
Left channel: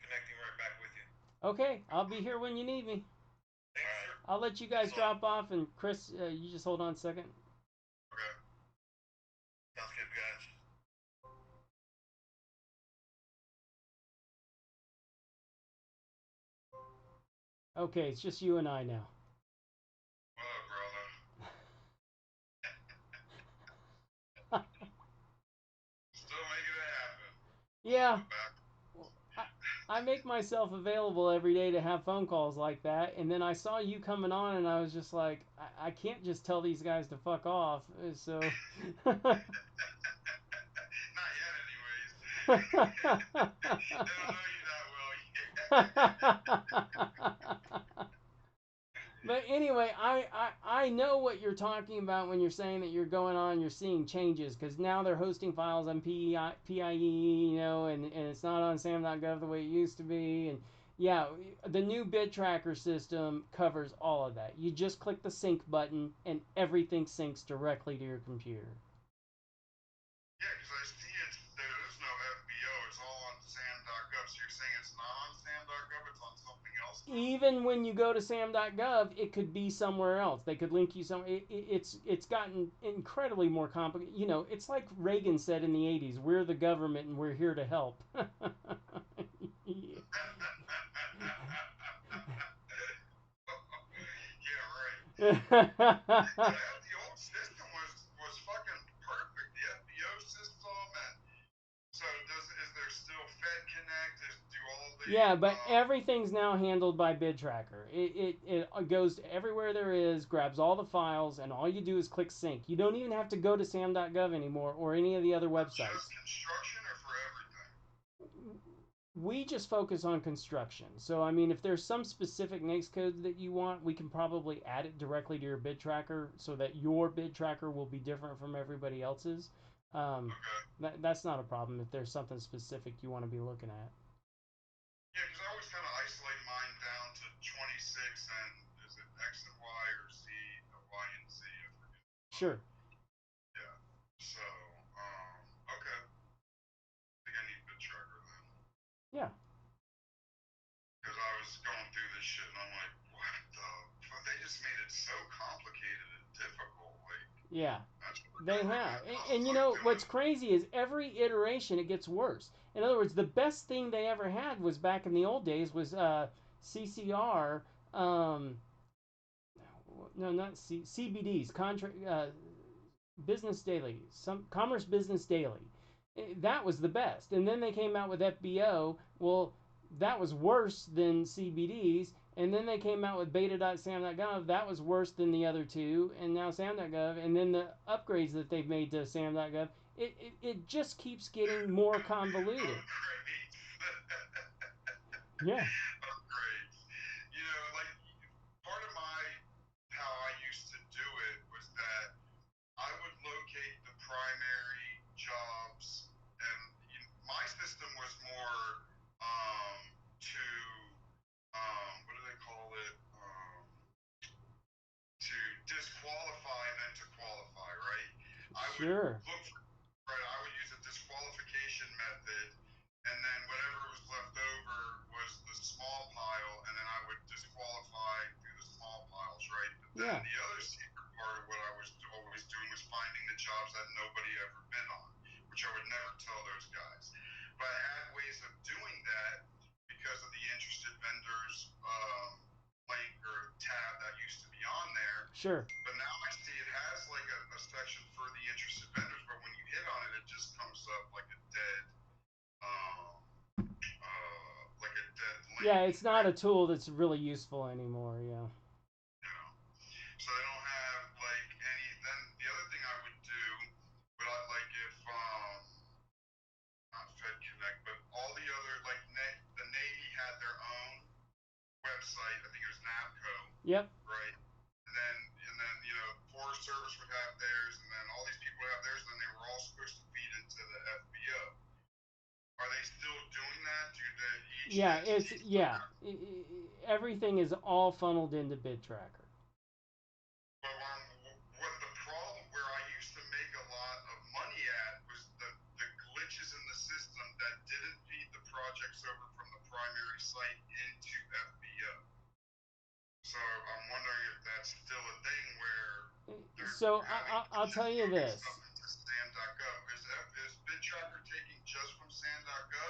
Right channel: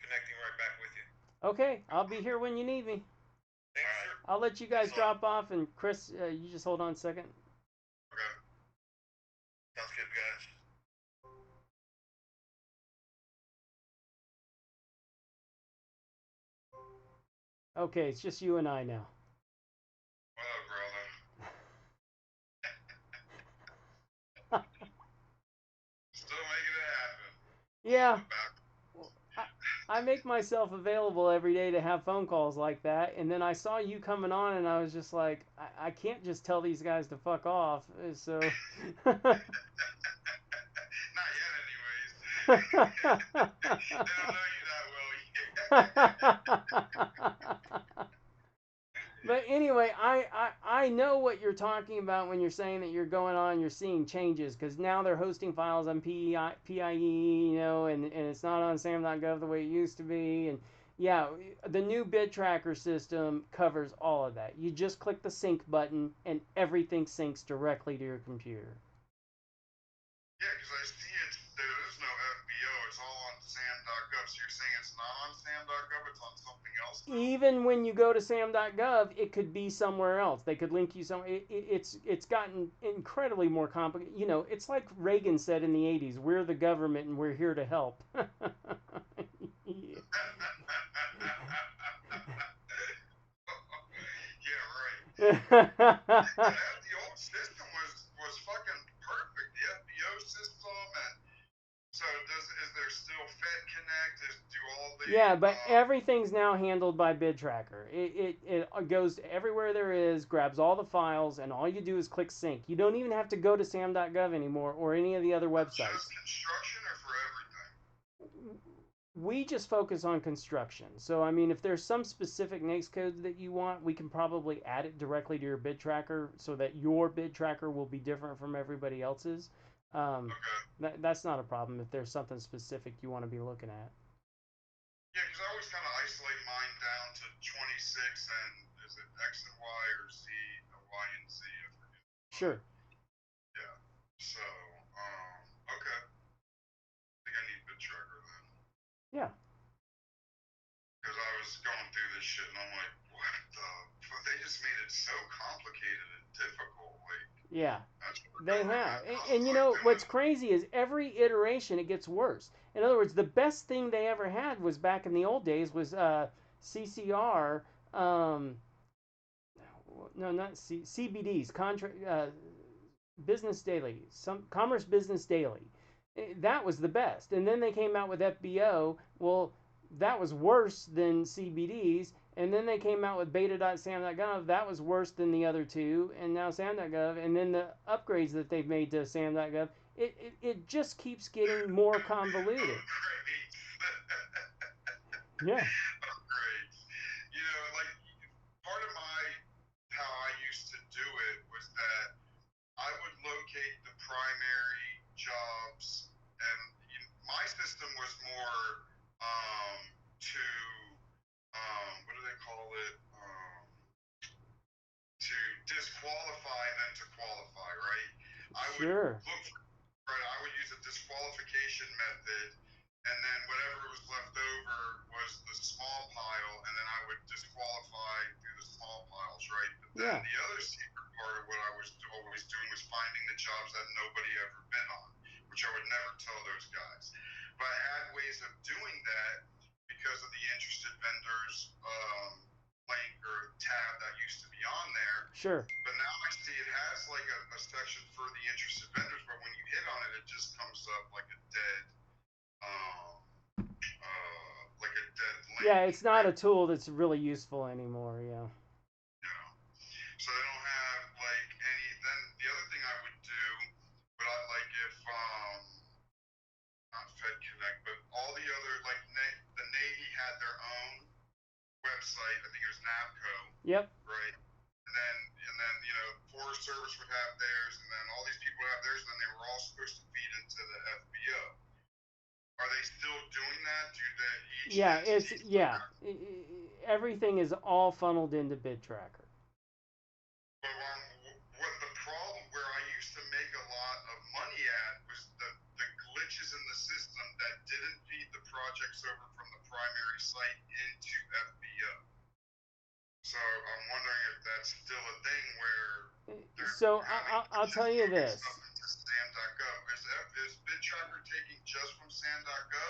connecting right back with you. Okay, I'll be here when you need me. Thanks, sir. I'll let you guys drop off, and Chris, you just hold on a second. Okay. Sounds good, guys. Okay, it's just you and I now. What up, brother? Still making it happen. Yeah. I make myself available every day to have phone calls like that, and then I saw you coming on, and I was just like, I can't just tell these guys to fuck off. So. Not yet, anyways. They don't know you that well yet. But anyway, I know what you're talking about when you're saying that you're going on, you're seeing changes, because now they're hosting files on PIE, and it's not on SAM.gov the way it used to be. And yeah, the new bid tracker system covers all of that. You just click the sync button, and everything syncs directly to your computer. Yeah, because I see there is no FBO. It's all on SAM.gov. So you're saying it's not on SAM.gov, it's on something else now? Even when you go to SAM.gov, it could be somewhere else. They could link you somewhere. It's gotten incredibly more complicated. It's like Reagan said in the 80s, we're the government and we're here to help. Yeah, right. The old system was fucking perfect. The FBO system, and so is there still Fed Connect? Do all the Yeah, but everything's now handled by bid tracker. It goes to everywhere there is, grabs all the files, and all you do is click sync. You don't even have to go to sam.gov anymore or any of the other websites. Just construction or for everything? We just focus on construction. So, I mean, if there's some specific NAICS codes that you want, we can probably add it directly to your bid tracker so that your bid tracker will be different from everybody else's. Okay. That's not a problem if there's something specific you want to be looking at. Yeah, because I always kind of isolate mine down to 26 and is it X and Y or Z, Y and Z? I forget. Sure. Yeah. So, okay. I think I need bid tracker then. Yeah. Because I was going through this shit and I'm like, what the? They just made it so complicated and difficult. Like, yeah. They have. And like what's crazy is every iteration it gets worse. In other words, the best thing they ever had was back in the old days was CCR. No, not CBDs. Business Daily. Commerce Business Daily. That was the best. And then they came out with FBO. Well, that was worse than CBDs. And then they came out with beta.sam.gov. That was worse than the other two. And now sam.gov. And then the upgrades that they've made to sam.gov. It just keeps getting more convoluted. Yeah. Upgrades. Like part of how I used to do it was that I would locate the primary jobs, and my system was more to what do they call it? To disqualify than to qualify, right? I would look for, right, I would use a disqualification method, and then whatever was left over was the small pile, and then I would disqualify through the small piles, right? But then the other secret part of what I was always doing was finding the jobs that nobody ever been on, which I would never tell those guys. But I had ways of doing that because of the interested vendors link or tab that used to be on there. Sure. But now I see it has like a section for the interested vendors, but when you hit on it, it just comes up like a dead link. Yeah, it's not a tool that's really useful anymore. Yeah. So they don't have like any. Then the other thing I would do, but I like if not Fed Connect, but all the other like the Navy had their own website. I think it was NAVCO. Yep. Right. And then then Forest Service would have theirs, and then all these people would have theirs, and then they were all supposed to feed into the FBO. Are they still doing that? Everything is all funneled into BidTracker. But what the problem where I used to make a lot of money at was the glitches in the system that didn't feed the projects over from the primary site into FBO. So I'm wondering if that's still a thing where so I'll tell you this. Stuff into SAM.gov. Is BidTracker taking just from SAM.gov?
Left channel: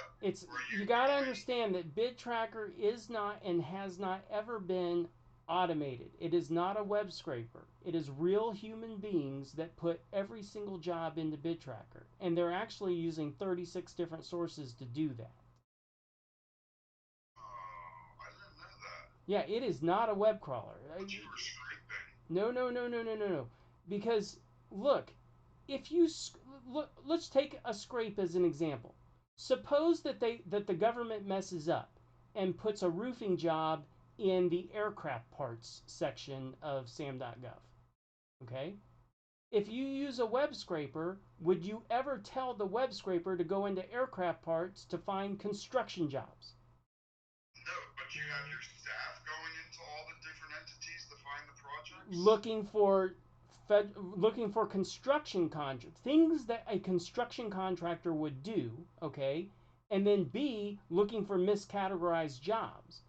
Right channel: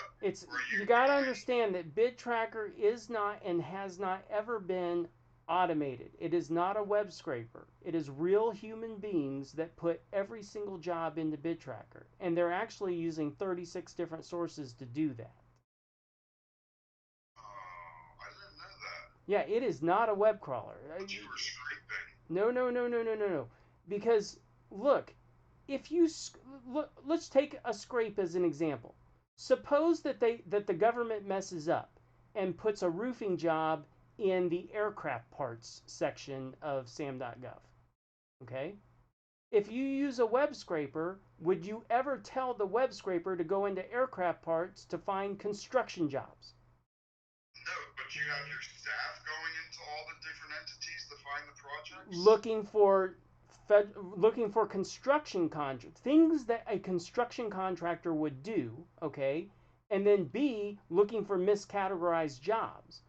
You got to understand that BidTracker is not and has not ever been automated. It is not a web scraper. It is real human beings that put every single job into BidTracker, and they're actually using 36 different sources to do that. I didn't know that. Yeah, it is not a web crawler. You were scraping. No. Because look, if you let's take a scrape as an example. Suppose that the government messes up and puts a roofing job in the aircraft parts section of SAM.gov. Okay? If you use a web scraper, would you ever tell the web scraper to go into aircraft parts to find construction jobs? No, but you have your staff going into all the different entities to find the projects? Looking for construction contract things that a construction contractor would do, okay? And then B, looking for miscategorized jobs.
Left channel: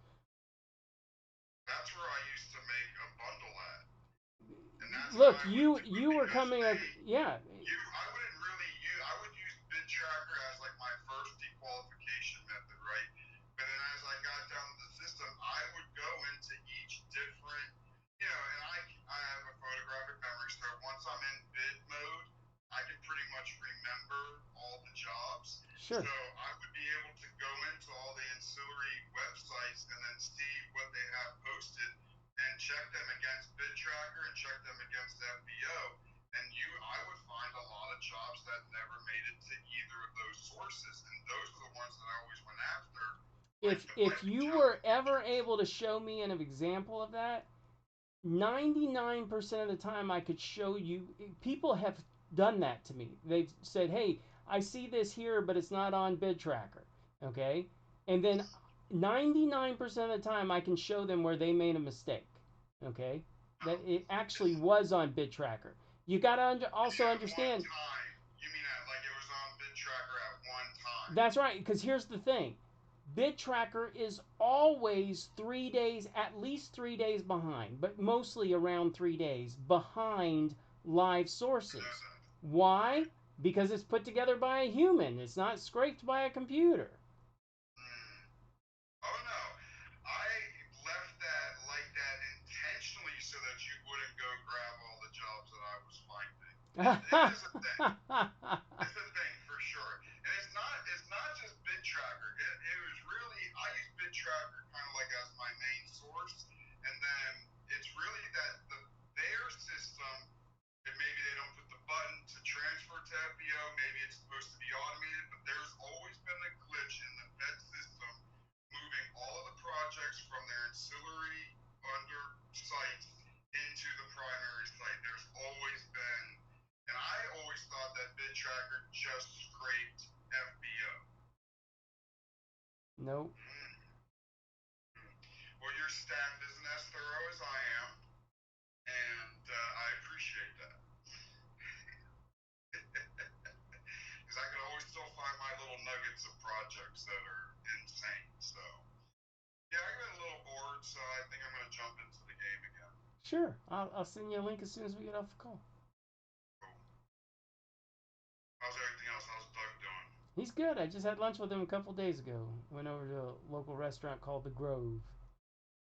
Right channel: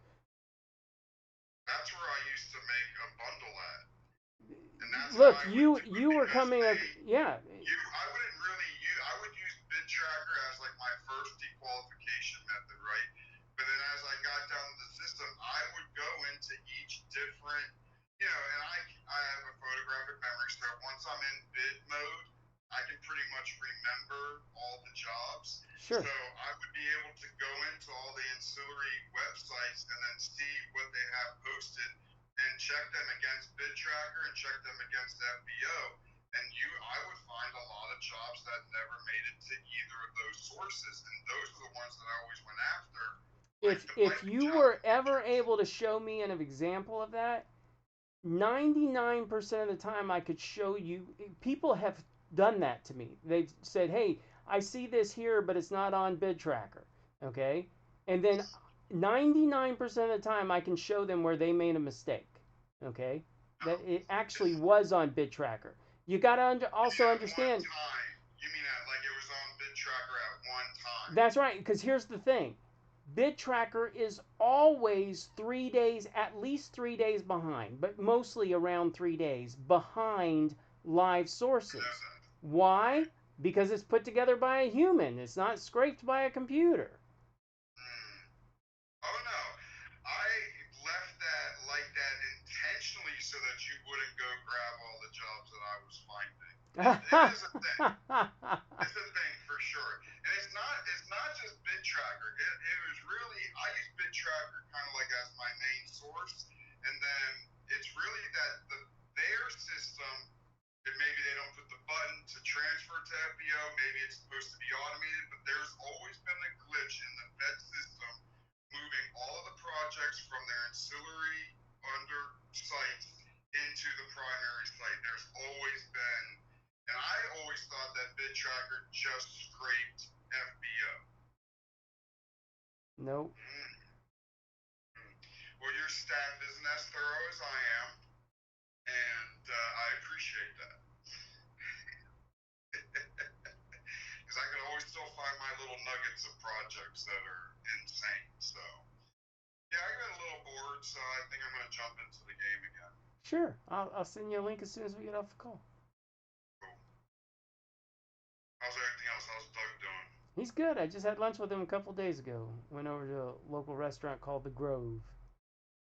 That's where I used to make a bundle at. And that's look, you were coming up, yeah. I would use BidTracker as like my first dequalification method, right? But then as I got down to the system, I would go into each different, and I have a photographic memory, so once I'm in bid mode, I can pretty much remember all the jobs. Sure. So I would be able to go into all the ancillary websites and then see what they have posted and check them against BidTracker and check them against FBO. And I would find a lot of jobs that never made it to either of those sources, and those are the ones that I always went after. If you were ever able to show me an example of that, 99% of the time I could show you. People have done that to me. They've said, hey, I see this here, but it's not on BidTracker. Okay? And then 99% of the time I can show them where they made a mistake. Okay? That it actually was on BidTracker. You got to also understand. You mean like it was on BidTracker at one time? That's right, because here's the thing. BidTracker is always 3 days, at least 3 days behind, but mostly around 3 days behind live sources. Why? Because it's put together by a human. It's not scraped by a computer. Oh no, I left that like that intentionally so that you wouldn't go grab all the jobs that I was finding. It is a thing. It's a thing for sure. And it's not just BidTracker. It was really, I use BidTracker kind of like as my main source, and then it's really that their system, that maybe they don't put the button to transfer to FBO, maybe it's supposed to be automated, but there's always been a glitch in the Fed system moving all of the projects from their ancillary under sites into the primary site. There's always been, and I always thought that BidTracker just scraped FBO. Nope. Well, your staff isn't as thorough as I am, and I appreciate that. Because I can always still find my little nuggets of projects that are insane. So, yeah, I got a little bored, so I think I'm going to jump into the game again. Sure. I'll send you a link as soon as we get off the call. Cool. How's everything else? How's Doug doing? He's good. I just had lunch with him a couple days ago. Went over to a local restaurant called The Grove.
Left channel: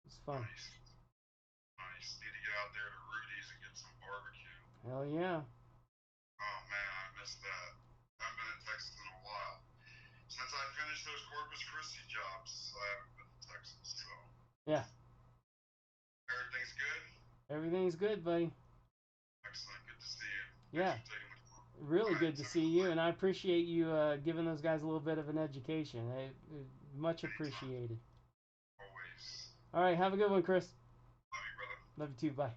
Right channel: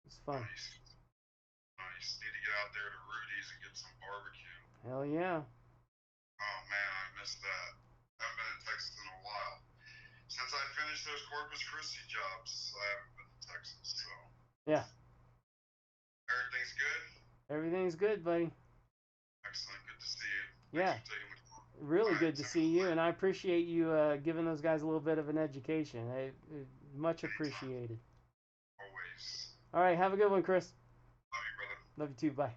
It's fun. Nice. Need to get out there to Rudy's and get some barbecue. Hell yeah. Oh man, I missed that. I haven't been in Texas in a while. Since I finished those Corpus Christi jobs, I haven't been to Texas, so. Yeah. Everything's good? Everything's good, buddy. Excellent. Good to see you. Yeah. Really good to see you, and I appreciate you giving those guys a little bit of an education. Much appreciated. Always. All right, have a good one, Chris. Love you, brother. Love you too. Bye.